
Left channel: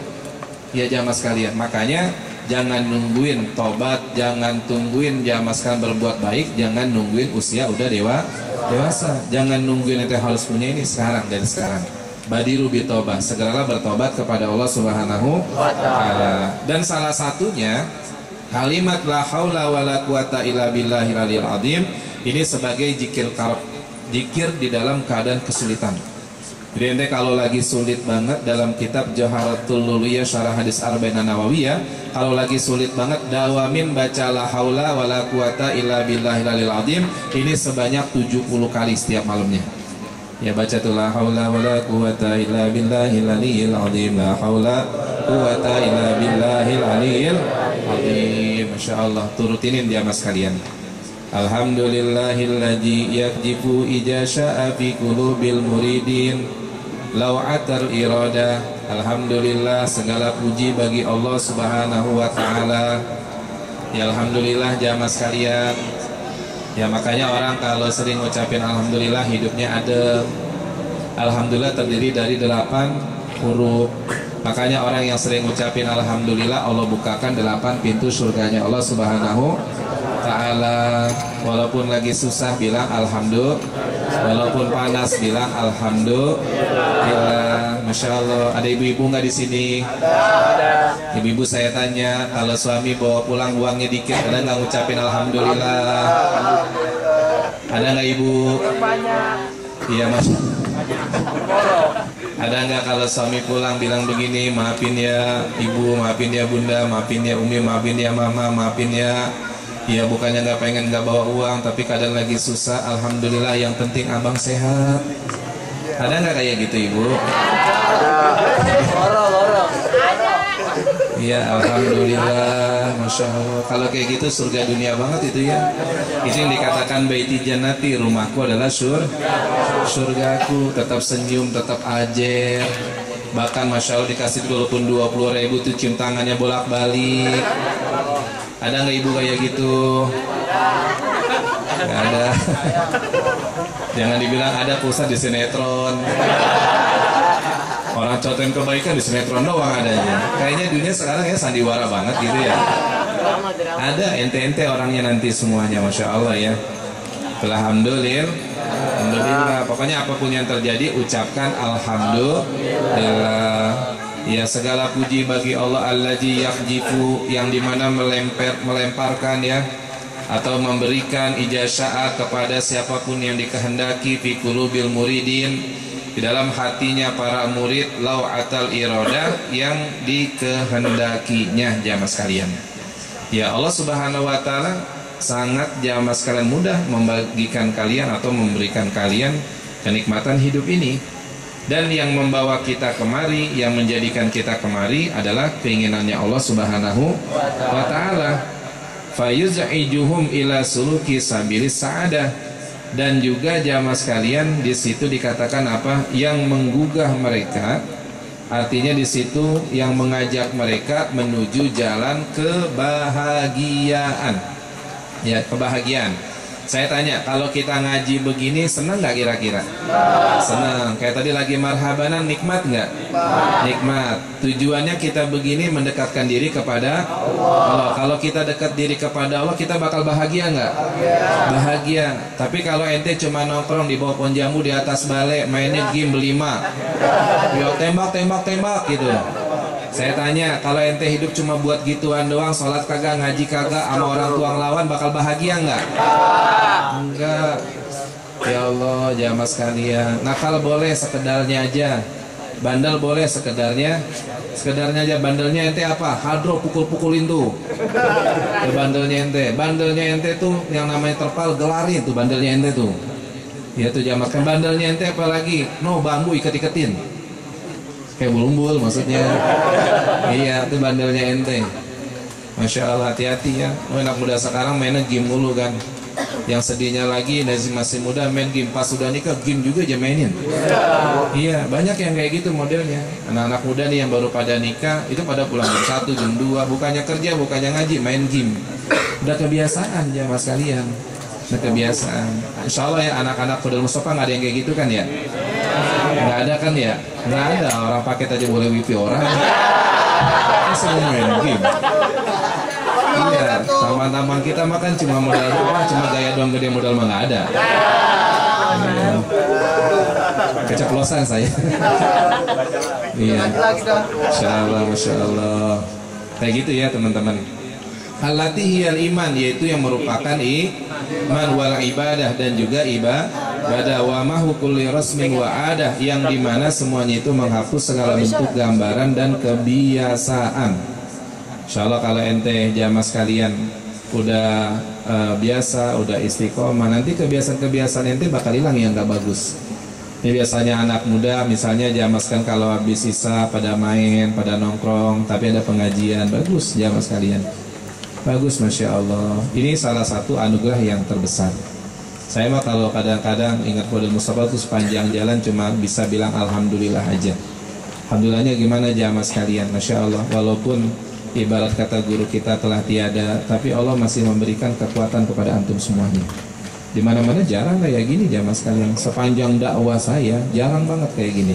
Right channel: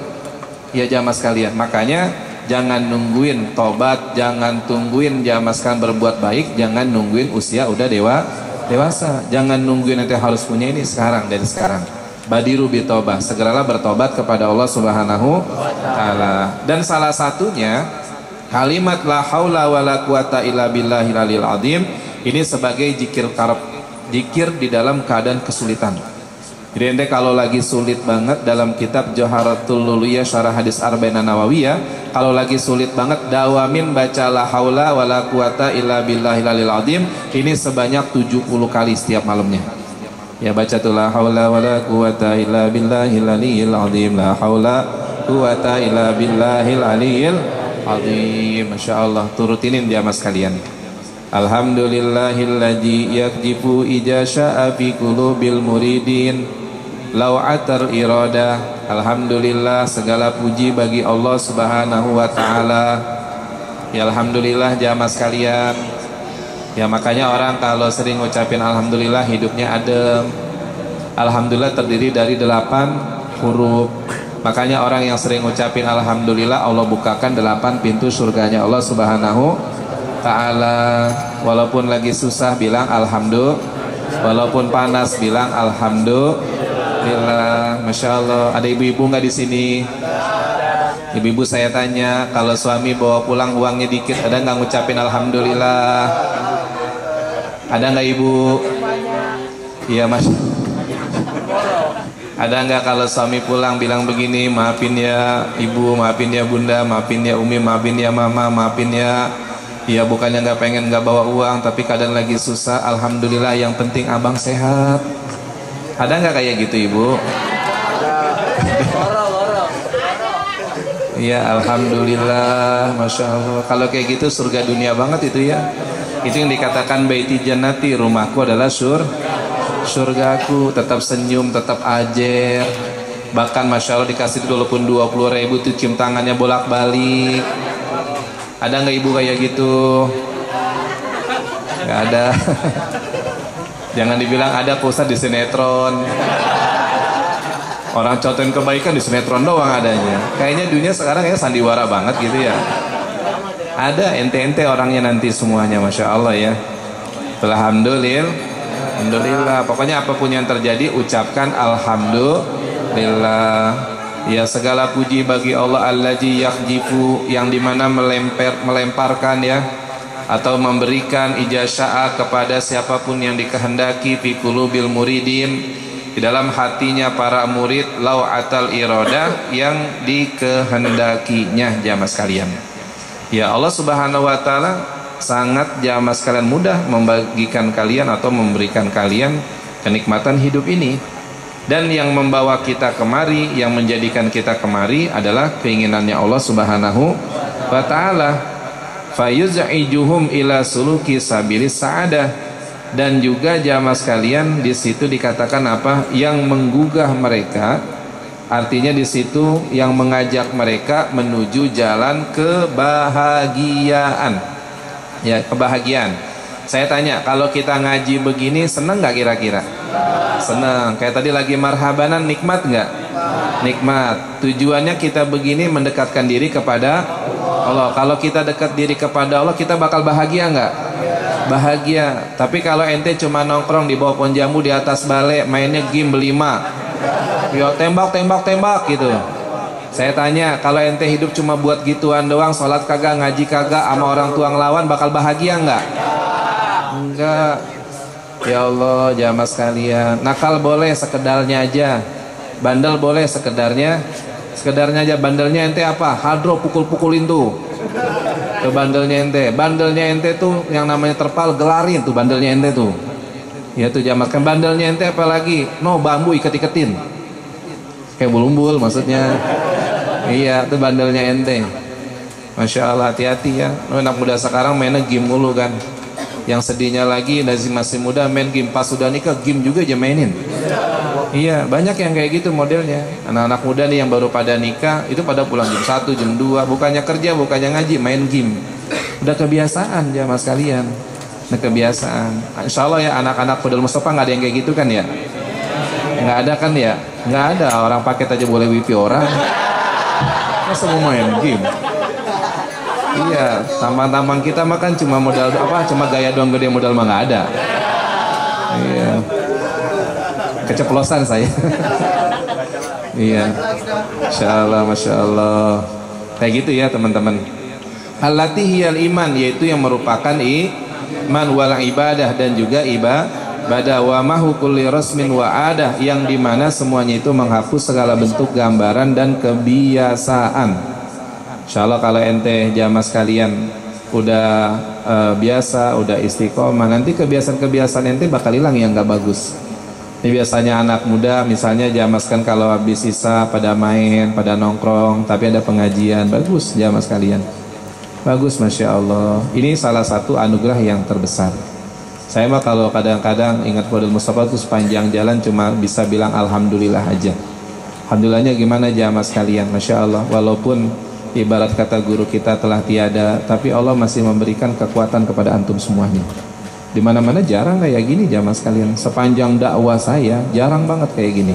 Ya jamaah sekalian, makanya jangan nungguin tobat, jangan tungguin diamaskan berbuat baik, jangan nungguin usia udah dewasa, jangan nungguin nanti harus punya ini sekarang, dari sekarang. Badiru bitobah, segeralah bertobat kepada Allah Subhanahu wa Ta'ala. Dan salah satunya kalimat la haula wala quwata illa billahil aliyil azim, ini sebagai zikir karab, zikir di dalam keadaan kesulitan. Jadi ente kalau lagi sulit banget, dalam kitab Joharatul Luluyah Syarah Hadis Arba'in Nawawiyah, kalau lagi sulit banget, dawamin baca la haula wala quwata illa billahil aliyil azim, ini sebanyak 70 kali setiap malamnya. Ya baca tuh la haula wala quwata illa billahil aliyil azim, la haula quwata illa billahil aliyil azim. Masya Allah, turutinin dia mas kalian. Alhamdulillahilladzi yakjifu ijasya'a fi qulubil muridin lau'atar iradah. Alhamdulillah, segala puji bagi Allah Subhanahu wa Ta'ala. Ya alhamdulillah jamaah sekalian. Ya makanya orang kalau sering ngucapin alhamdulillah hidupnya adem. Alhamdulillah terdiri dari 8 huruf. Makanya orang yang sering ngucapin alhamdulillah, Allah bukakan 8 pintu surganya Allah Subhanahu Ta'ala. Walaupun lagi susah bilang alhamdulillah, walaupun panas bilang alhamdulillah. Masya Allah. Ada ibu-ibu nggak di sini? Ibu-ibu saya tanya, kalau suami bawa pulang uangnya dikit, ada nggak ngucapin alhamdulillah? Ada nggak ibu? Iya mas. Ada nggak kalau suami pulang bilang begini, maafin ya ibu, maafin ya bunda, maafin ya umi, maafin ya mama, maafin ya. Ya bukannya nggak pengen nggak bawa uang, tapi kadang lagi susah. Alhamdulillah, yang penting abang sehat. Ada nggak kayak gitu ibu? Ya alhamdulillah, masya Allah. Kalau kayak gitu surga dunia banget itu ya. Itu yang dikatakan baiti jannati, rumahku adalah surgaku. Tetap senyum, tetap ajer. Bahkan masya Allah dikasih walaupun 20.000 tuh cium tangannya bolak-balik. Ada nggak ibu kayak gitu? Nggak ada. Jangan dibilang ada pusat di sinetron. Orang contohin kebaikan di sinetron doang adanya. Kayaknya dunia sekarang ya sandiwara banget gitu ya. Ada ente-ente orangnya nanti semuanya, masya Allah ya. Alhamdulillah. Pokoknya apapun yang terjadi ucapkan alhamdulillah. Ya segala puji bagi Allah allazi yakhjifu, yang dimana melemparkan ya, atau memberikan ijazah kepada siapapun yang dikehendaki fi qulubil muridin, di dalam hatinya para murid, lau'atal iradah, yang dikehendakinya jamaah sekalian. Ya Allah Subhanahu wa taala sangat jamaah sekalian mudah membagikan kalian atau memberikan kalian kenikmatan hidup ini. Dan yang membawa kita kemari, yang menjadikan kita kemari adalah keinginannya Allah Subhanahu wa taala. Fayuz'ijuhum ila suluki sabilis sa'adah. Dan juga jamaah sekalian di situ dikatakan apa? Yang menggugah mereka. Artinya di situ yang mengajak mereka menuju jalan kebahagiaan. Ya, kebahagiaan. Saya tanya, kalau kita ngaji begini senang nggak kira-kira? Senang. Kayak tadi lagi marhabanan, nikmat nggak? Nikmat. Tujuannya kita begini mendekatkan diri kepada Allah. Kalau kita dekat diri kepada Allah, kita bakal bahagia nggak? Bahagia. Tapi kalau ente cuma nongkrong di bawah pohon jambu di atas balai, mainnya game berlima, yo tembak gitu. Saya tanya, kalau ente hidup cuma buat gituan doang, sholat kagak, ngaji kagak, sama orang tua ngelawan, bakal bahagia nggak? Enggak. Ya Allah, jamaah sekalian, nakal boleh sekedarnya aja, bandel boleh sekedarnya aja. Bandelnya ente apa? Hadro, pukul-pukulin tuh. Tuh bandelnya ente tuh yang namanya terpal, gelarin tuh bandelnya ente tuh. Ya tuh jamaah kan, bandelnya ente apa lagi? No, bambu iket-iketin. Kayak bulumbul maksudnya. Iya, itu bandelnya ente. Masya Allah, hati-hati ya. Anak muda sekarang mainnya game mulu kan. Yang sedihnya lagi masih muda main game, pas sudah nikah game juga aja mainin. Iya, banyak yang kayak gitu modelnya. Anak-anak muda nih yang baru pada nikah, itu pada pulang jam 1, jam 2, bukannya kerja, bukannya ngaji, main game. Udah kebiasaan jamaah sekalian. Udah kebiasaan. Insya Allah ya anak-anak Fadil Mustafa nggak ada yang kayak gitu kan ya? Nggak ada kan ya? Nggak ada, orang paket aja boleh wifi orang. Masa mau main game? Iya, taman-taman kita makan cuma modal apa? Cuma gaya doang, gede modal mah nggak ada. Iya. Keceplosan saya. Iya. Masya Allah. Kayak gitu ya teman-teman. Allati hiyal iman, yaitu yang merupakan iman wal ibadah, dan juga ibadah wa mahu kulli rasmin wa adah, yang dimana semuanya itu menghapus segala bentuk gambaran dan kebiasaan. Insyaallah kalau ente jamaah sekalian udah biasa, udah istiqomah, nanti kebiasaan-kebiasaan ente bakal hilang yang gak bagus. Ini biasanya anak muda misalnya jamaah sekalian kalau habis sisa pada main, pada nongkrong, tapi ada pengajian, bagus jamaah sekalian. Bagus, Masya Allah. Ini salah satu anugerah yang terbesar. Saya mah kalau kadang-kadang ingat Fadil Mustafa itu sepanjang jalan cuma bisa bilang alhamdulillah aja. Alhamdulillahnya gimana jamaah sekalian, Masya Allah. Walaupun ibarat kata guru kita telah tiada, tapi Allah masih memberikan kekuatan kepada antum semuanya. Di mana-mana jarang kayak gini jamaah sekalian. Sepanjang dakwah saya jarang banget kayak gini.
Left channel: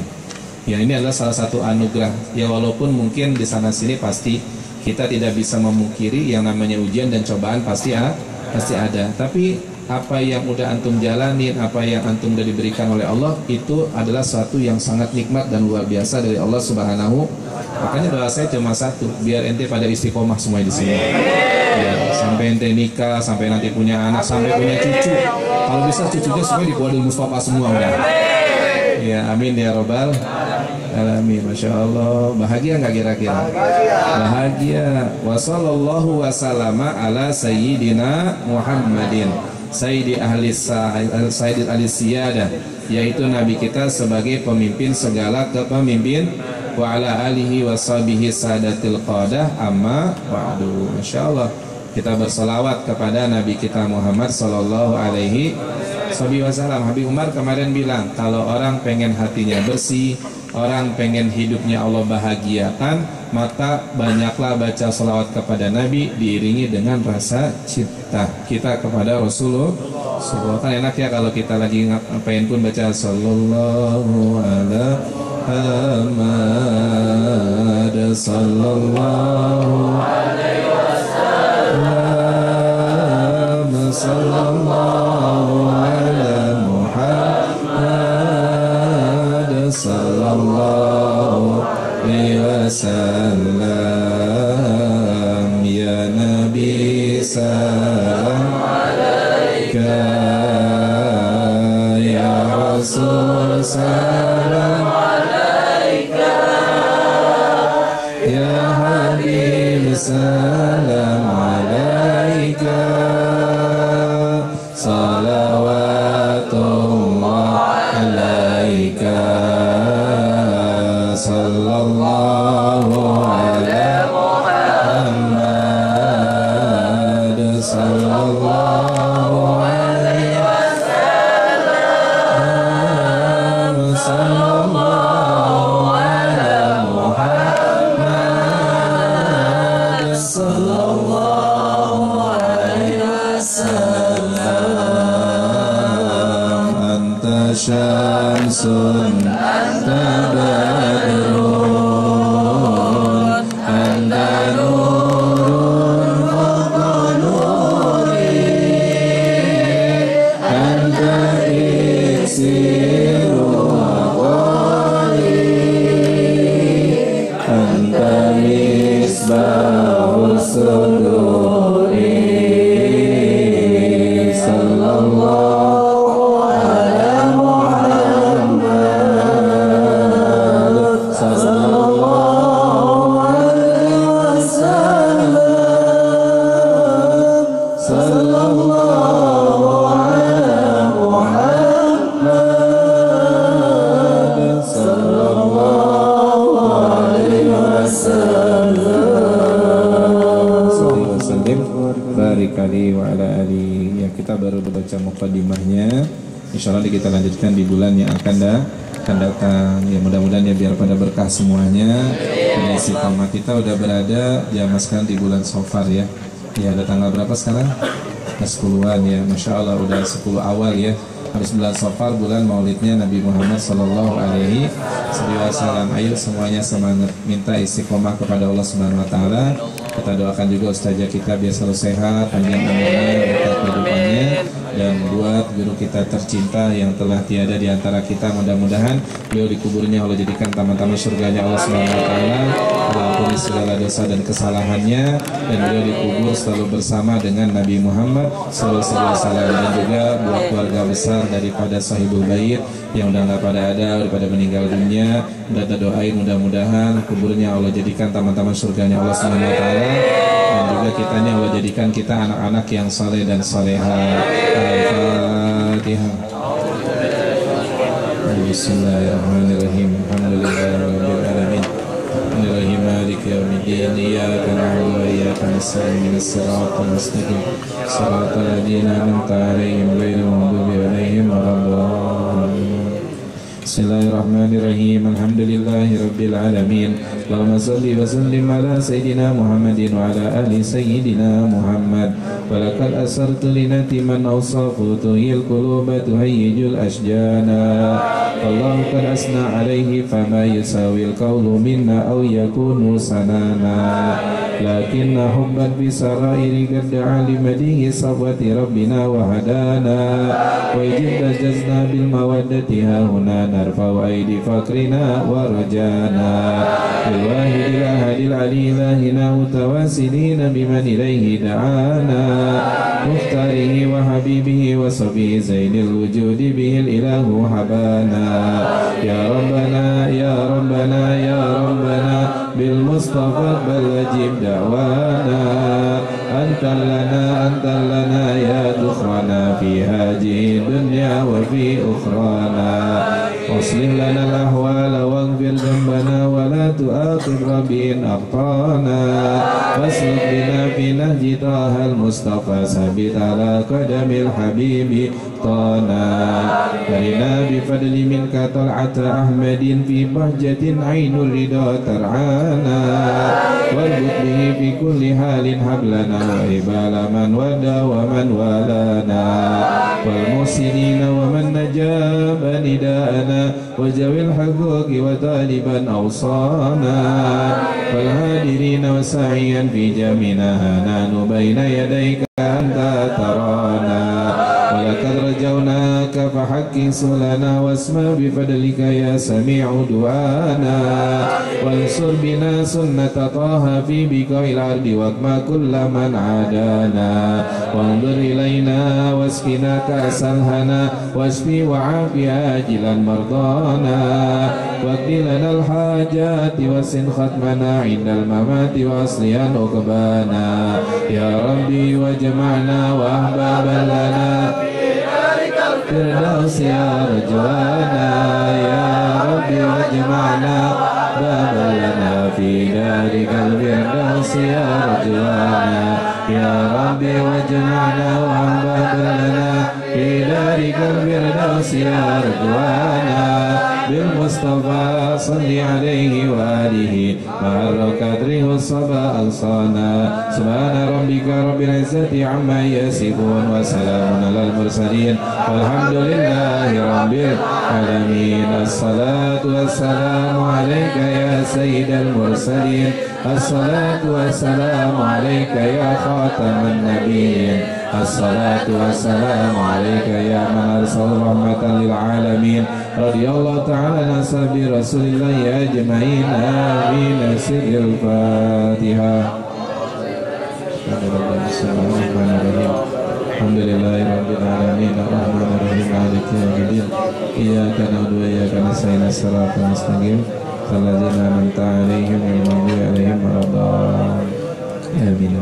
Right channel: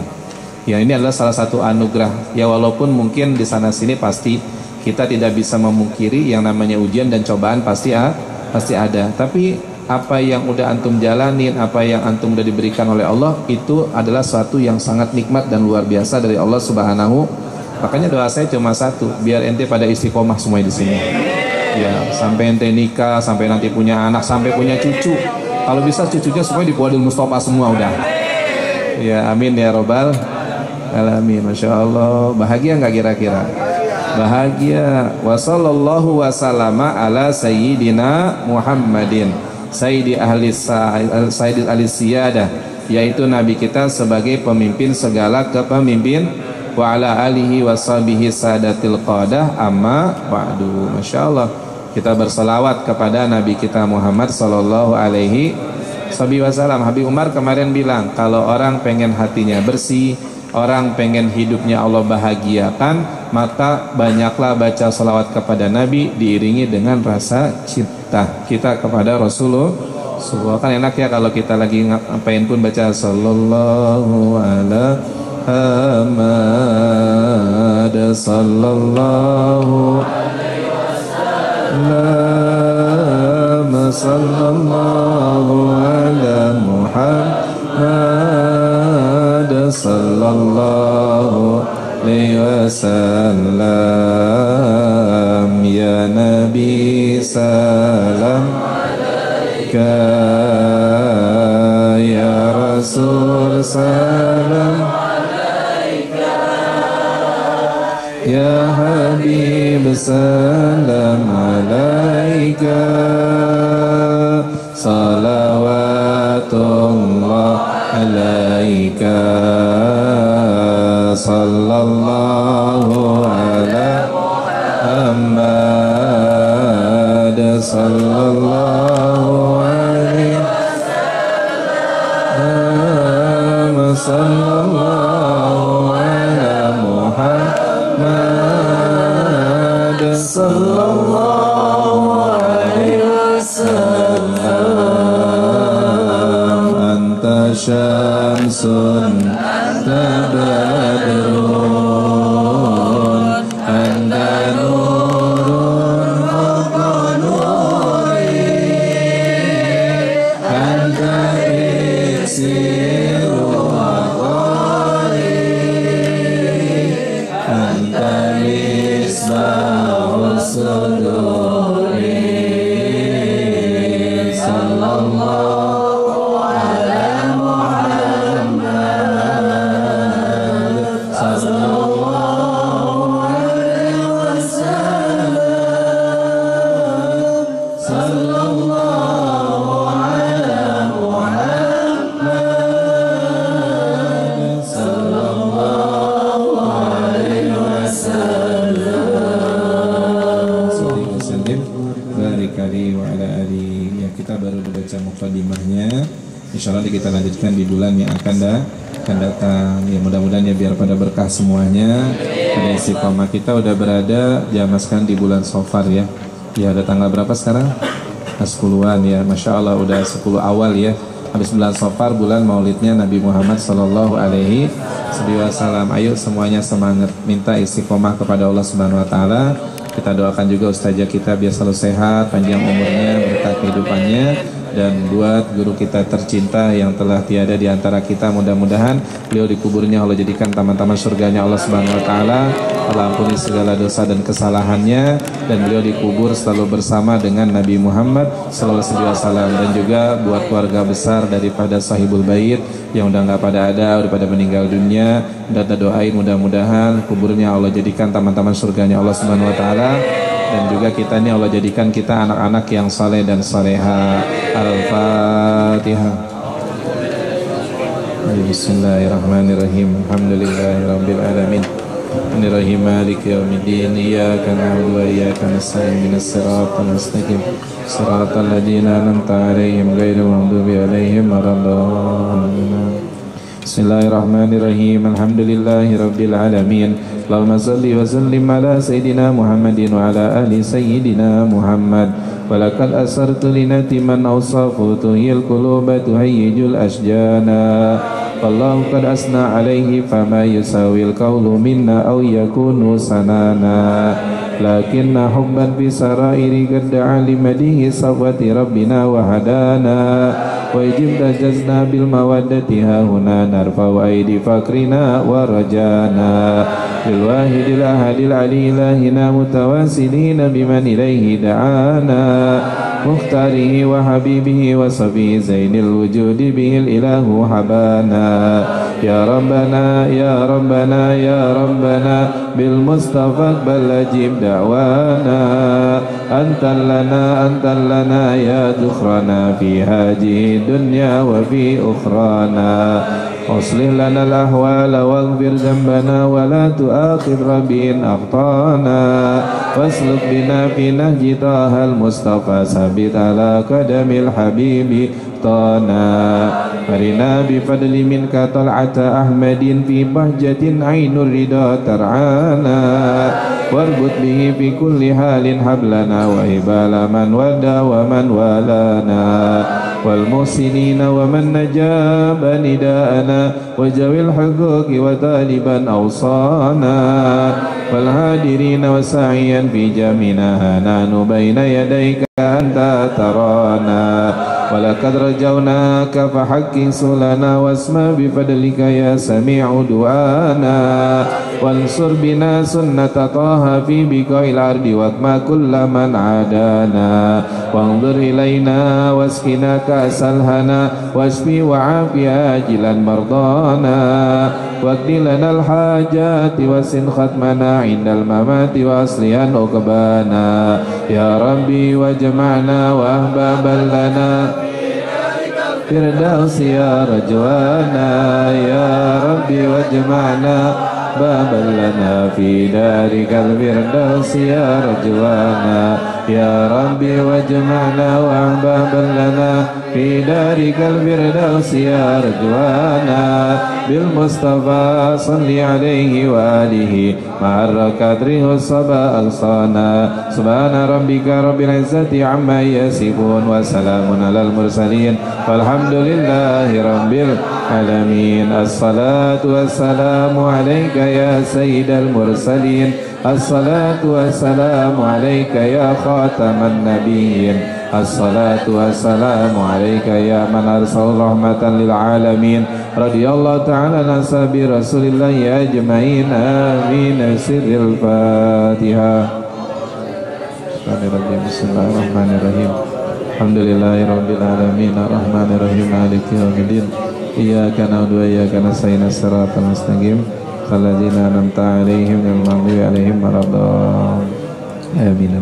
Ya ini adalah salah satu anugerah. Ya walaupun mungkin di sana sini pasti kita tidak bisa memungkiri yang namanya ujian dan cobaan pasti ada. Tapi apa yang udah antum jalanin, apa yang antum udah diberikan oleh Allah, itu adalah suatu yang sangat nikmat dan luar biasa dari Allah Subhanahu Makanya doa saya cuma satu, biar ente pada istiqomah semua di sini. Ya, sampai ente nikah, sampai nanti punya anak, sampai punya cucu. Kalau bisa cucunya semua di Kuadil Mustafa semua udah. Ya, amin ya robbal alamin. Masya Allah, bahagia nggak kira-kira? Bahagia. Wassallallahu wasallama ala sayyidina Muhammadin sayyidi ahli sayyidil ahli siyadah, yaitu nabi kita sebagai pemimpin segala kepemimpin, wa ala alihi washabihi sadatil qadah, amma ba'du. Masya Allah, kita berselawat kepada nabi kita Muhammad sallallahu alaihi wasallam. Habib Umar kemarin bilang, kalau orang pengen hatinya bersih, orang pengen hidupnya Allah bahagiakan, maka banyaklah baca salawat kepada Nabi diiringi dengan rasa cinta kita kepada Rasulullah. Kan enak ya kalau kita lagi ngapain pun baca sallallahu ala Muhammad sallallahu alaihi wasallam sallallahu ala Muhammad sallallahu alaihi wasallam. Ya Nabi salam alaika, ya Rasul salam alaika, ya Habib salam alaika, salawatullah alaika, sallallahu ala Muhammad sallallahu alaihi wasallam, sallallahu ala Muhammad sallallahu alaihi wasallam. Anta syamsun anta badrun anta nurun fawqa nuri, anta iksiru aqwali, anta misbahus suduri, sallallahu ala Muhammad sallallahu alaihi wasallam, sallallahu ala Muhammad sallallahu alaihi wasallam. Barik ali wa ala ali. Ya, kita baru baca muqaddimahnya. Insyaallah kita lanjutkan di bulan yang akan datang. Ya, mudah-mudahan ya biar pada berkah semuanya. Pada istiqamah kita udah berada jamaah sekarang di bulan Safar ya. Ya, ada tanggal berapa sekarang? 10-an ya. Masya Allah udah 10 awal ya. Habis bulan Safar, bulan maulidnya Nabi Muhammad sallallahu alaihi wasallam. Ayo semuanya semangat, minta istiqomah kepada Allah Subhanahu wa taala. Kita doakan juga ustazah kita biar selalu sehat, panjang umurnya, berkah kehidupannya, dan buat guru kita tercinta yang telah tiada di antara kita, mudah-mudahan beliau dikuburnya Allah jadikan taman-taman surganya Allah Subhanahu wa taala, Allah ampuni segala dosa dan kesalahannya, dan beliau dikubur selalu bersama dengan Nabi Muhammad sallallahu alaihi wasallam. Dan juga buat keluarga besar daripada sahibul bait yang udah nggak pada ada, udah pada meninggal dunia, kita doain mudah-mudahan kuburnya Allah jadikan taman-taman surganya Allah Subhanahu wa taala, dan juga kitanya Allah jadikan kita anak-anak yang saleh dan salehah. Al-Fatihah. Bismillahirrahmanirrahim. Alhamdulillahirabbil alamin. Arrahmanirrahim. Maliki yaumiddin. Iyyaka na'budu wa iyyaka nasta'in. Ihdinas siratal mustaqim. Siratal ladzina an'amta 'alaihim ghairil maghdubi 'alaihim waladdallin. Bismillahirrahmanirrahim. Alhamdulillahirabbil alamin. Allahumma shalli wa sallim ala sayyidina Muhammadin wa ala ali sayyidina Muhammad. Walakal asartu linati man awsafu tuhil quluba tuhayyijul asjana. Wallahu qad asna alaihi fama yusawil qawlu minna aw yakunu sanana. lakinna hubban fi sarairi qad da'a li madihi safwati rabbina wa hadana wa ijib tajazna bil mawaddati hahuna narfa'u aidi fakrina wa rajana bil wahidil ahadil ali ilahina mutawasilina biman ilaihi da'ana muhtarihi wa habibihi wa sabi zainil wujudi bihil ilahu habana ya rabbana ya rabbana ya rabbana bil mustafa balajib da'wana antal lana ya dukhrana fi hadhihi dunya wa fi ukhrana aslih lana al-ahwala waghfir dhanbana wa la tu'akhidh rabbin aqtana wasluk bina fi nahji tahal mustafa sabit ala qadamil habibi tana marina bifadli minka tal'ata ahmadin fi bahjatin ainur rida tar'ana warbut bihi fi kulli halin hablana wa ibala man wada wa man walana wal musinina wa man najaba nida'ana wa jawil haquqi wa taliban awsana wal hadirina wa sa'iyan fi jamina nanu baina yadayka anta tarana walaqad rajawnaka fahaqqiq sulana wasma bifadlika ya sami'u du'ana wansur bina sunnata taha fi biqail ardi watma kullaman adana wanzur ilaina waskina kasalhana wasfi wa'afi ajilan mardana waqdi lana alhajati wasin khatmana indal mamati wa aslihan uqbana ya rabbi wa jama'na wa ahbaban lana firdaus ya rajwana ya rabbi wa jama'na baban lana fi darikal firdaus ya rajwana ya rabbi wa jama'na wa ahbaban lana fi darikal firdaus ya rajwana bil mustafa salli alaihi wa alihi ma'ar qadri husaba al-sana subhana rabbika rabbil izzati amma yasifun wa salamun alal mursalin walhamdulillahi rabbil alamin as-salatu wassalamu alayka ya sayyidal mursalin as-salatu wassalamu alayka ya khataman nabiyyin as-salatu wassalamu alayka ya man arsal rahmatan lil alamin radiyallahu ta'ala nasabi rasulillah ya ajma'in amin sirril fatihah bismillahirrahmanirrahim alhamdulillahi rabbil alamin arrahmanirrahim maliki yaumiddin iyyaka na'budu wa iyyaka nasta'in siratal mustaqim alladzina an'amta 'alaihim ghairil maghdubi 'alaihim waladdallin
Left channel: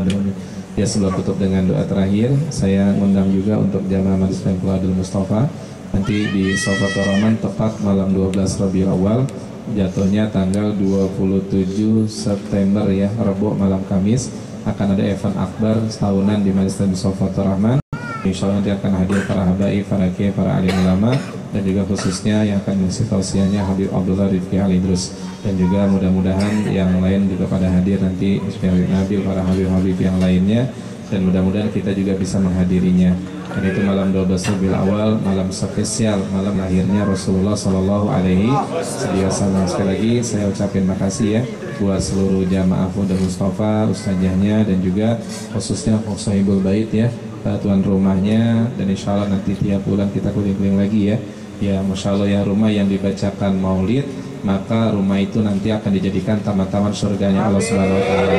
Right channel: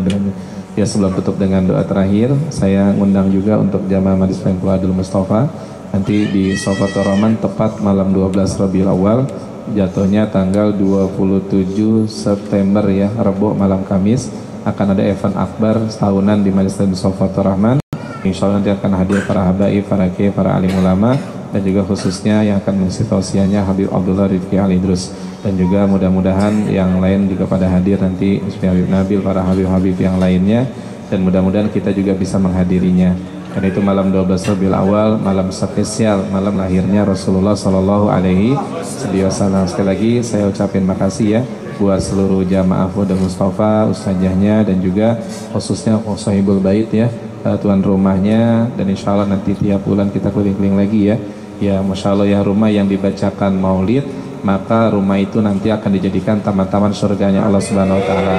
amin. Ya, sebelum tutup dengan doa terakhir, saya ngundang juga untuk jamaah Majlis Pengku Adul Mustafa nanti di Sofatul Rahman tepat malam 12 Rabiul Awal, jatuhnya tanggal 27 September ya, Rabu malam Kamis, akan ada event akbar setahunan di Majlis Sofatul Rahman. Insya Allah nanti akan hadir para habaib, para kiai, para alim ulama, dan juga khususnya yang akan mengisi tausiahnya Habib Abdullah Rifki Al-Idrus, dan juga mudah-mudahan yang lain juga pada hadir nanti, Habib Nabil, para habib-habib yang lainnya, dan mudah-mudahan kita juga bisa menghadirinya. Dan itu malam 12 Rabiul Awal, malam spesial, malam lahirnya Rasulullah Sallallahu Alaihi Wasallam. Sekali lagi saya ucapin makasih ya buat seluruh jamaah Fudul Mustafa, ustazahnya, dan juga khususnya Sahibul Bait ya, tuan rumahnya, dan insya Allah nanti tiap bulan kita keliling-keliling lagi ya. Ya, masya Allah ya, rumah yang dibacakan maulid, maka rumah itu nanti akan dijadikan taman-taman surganya Allah Subhanahu Wa Taala.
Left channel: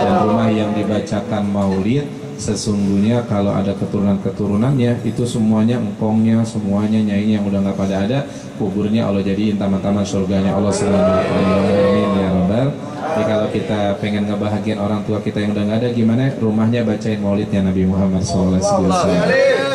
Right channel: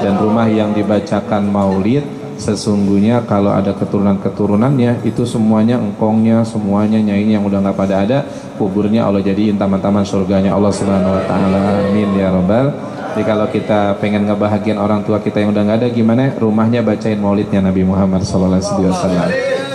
Dan rumah yang dibacakan maulid, sesungguhnya kalau ada keturunan-keturunannya, itu semuanya engkongnya, semuanya nyainya yang udah nggak pada ada, kuburnya Allah jadiin taman-taman surganya Allah Subhanahu Wa Taala. Amin ya Rabbal. Jadi kalau kita pengen ngebahagiain orang tua kita yang udah nggak ada, gimana? Rumahnya bacain maulidnya Nabi Muhammad SAW.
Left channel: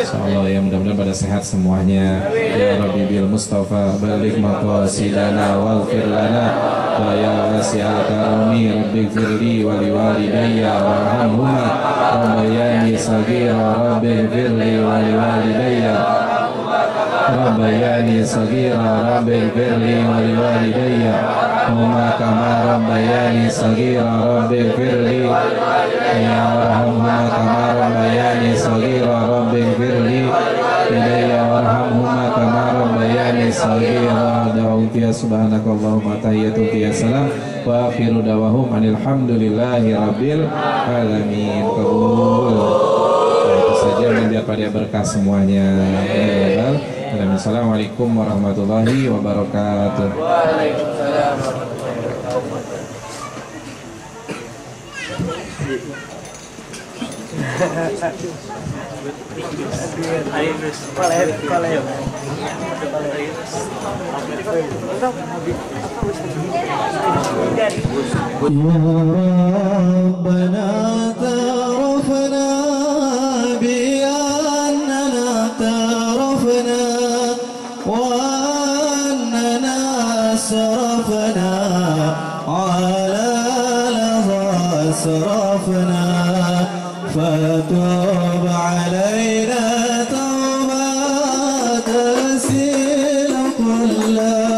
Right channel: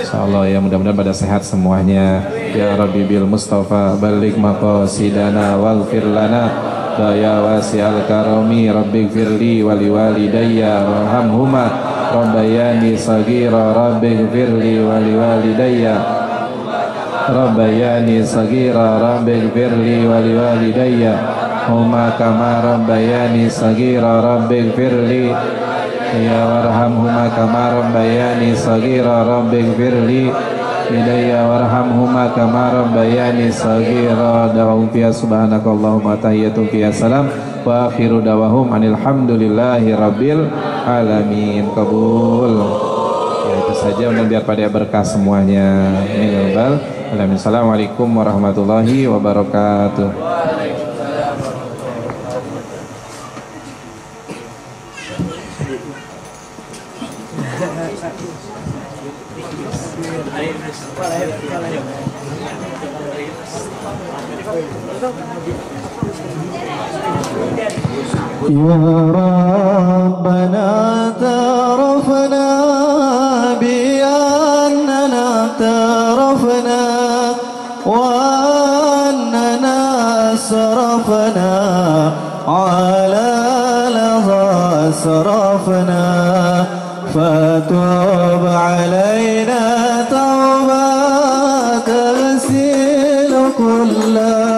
Insyaallah ya, mudah-mudahan pada sehat semuanya. Ya Rabbi bil Mustafa balik maqasidana waghfir lana wa ya wasi'al karami rabbi firli wali walidayya warhamhuma rabbayani saghira rabbi firli wali walidayya rabbayani saghira rabbi firli wali walidayya huma kama rabbayani saghira rabbi firli ya warhamhuma kama rabbayani saghira rabbi firli idayya warhamhuma kama bayani saghira da'um fiha subhanakallahumma tahiyyatun fiha salam wa akhiru dawahum alhamdulillahi rabbil alamin. Kabul. Itu saja, biar pada berkah semuanya. Assalamualaikum warahmatullahi wabarakatuh. Waalaikumsalam Ya Rabbana tarafna bi annana tarafna wa annana asrafna ala laha asrafna fatub alaina tawbatan tasil kulla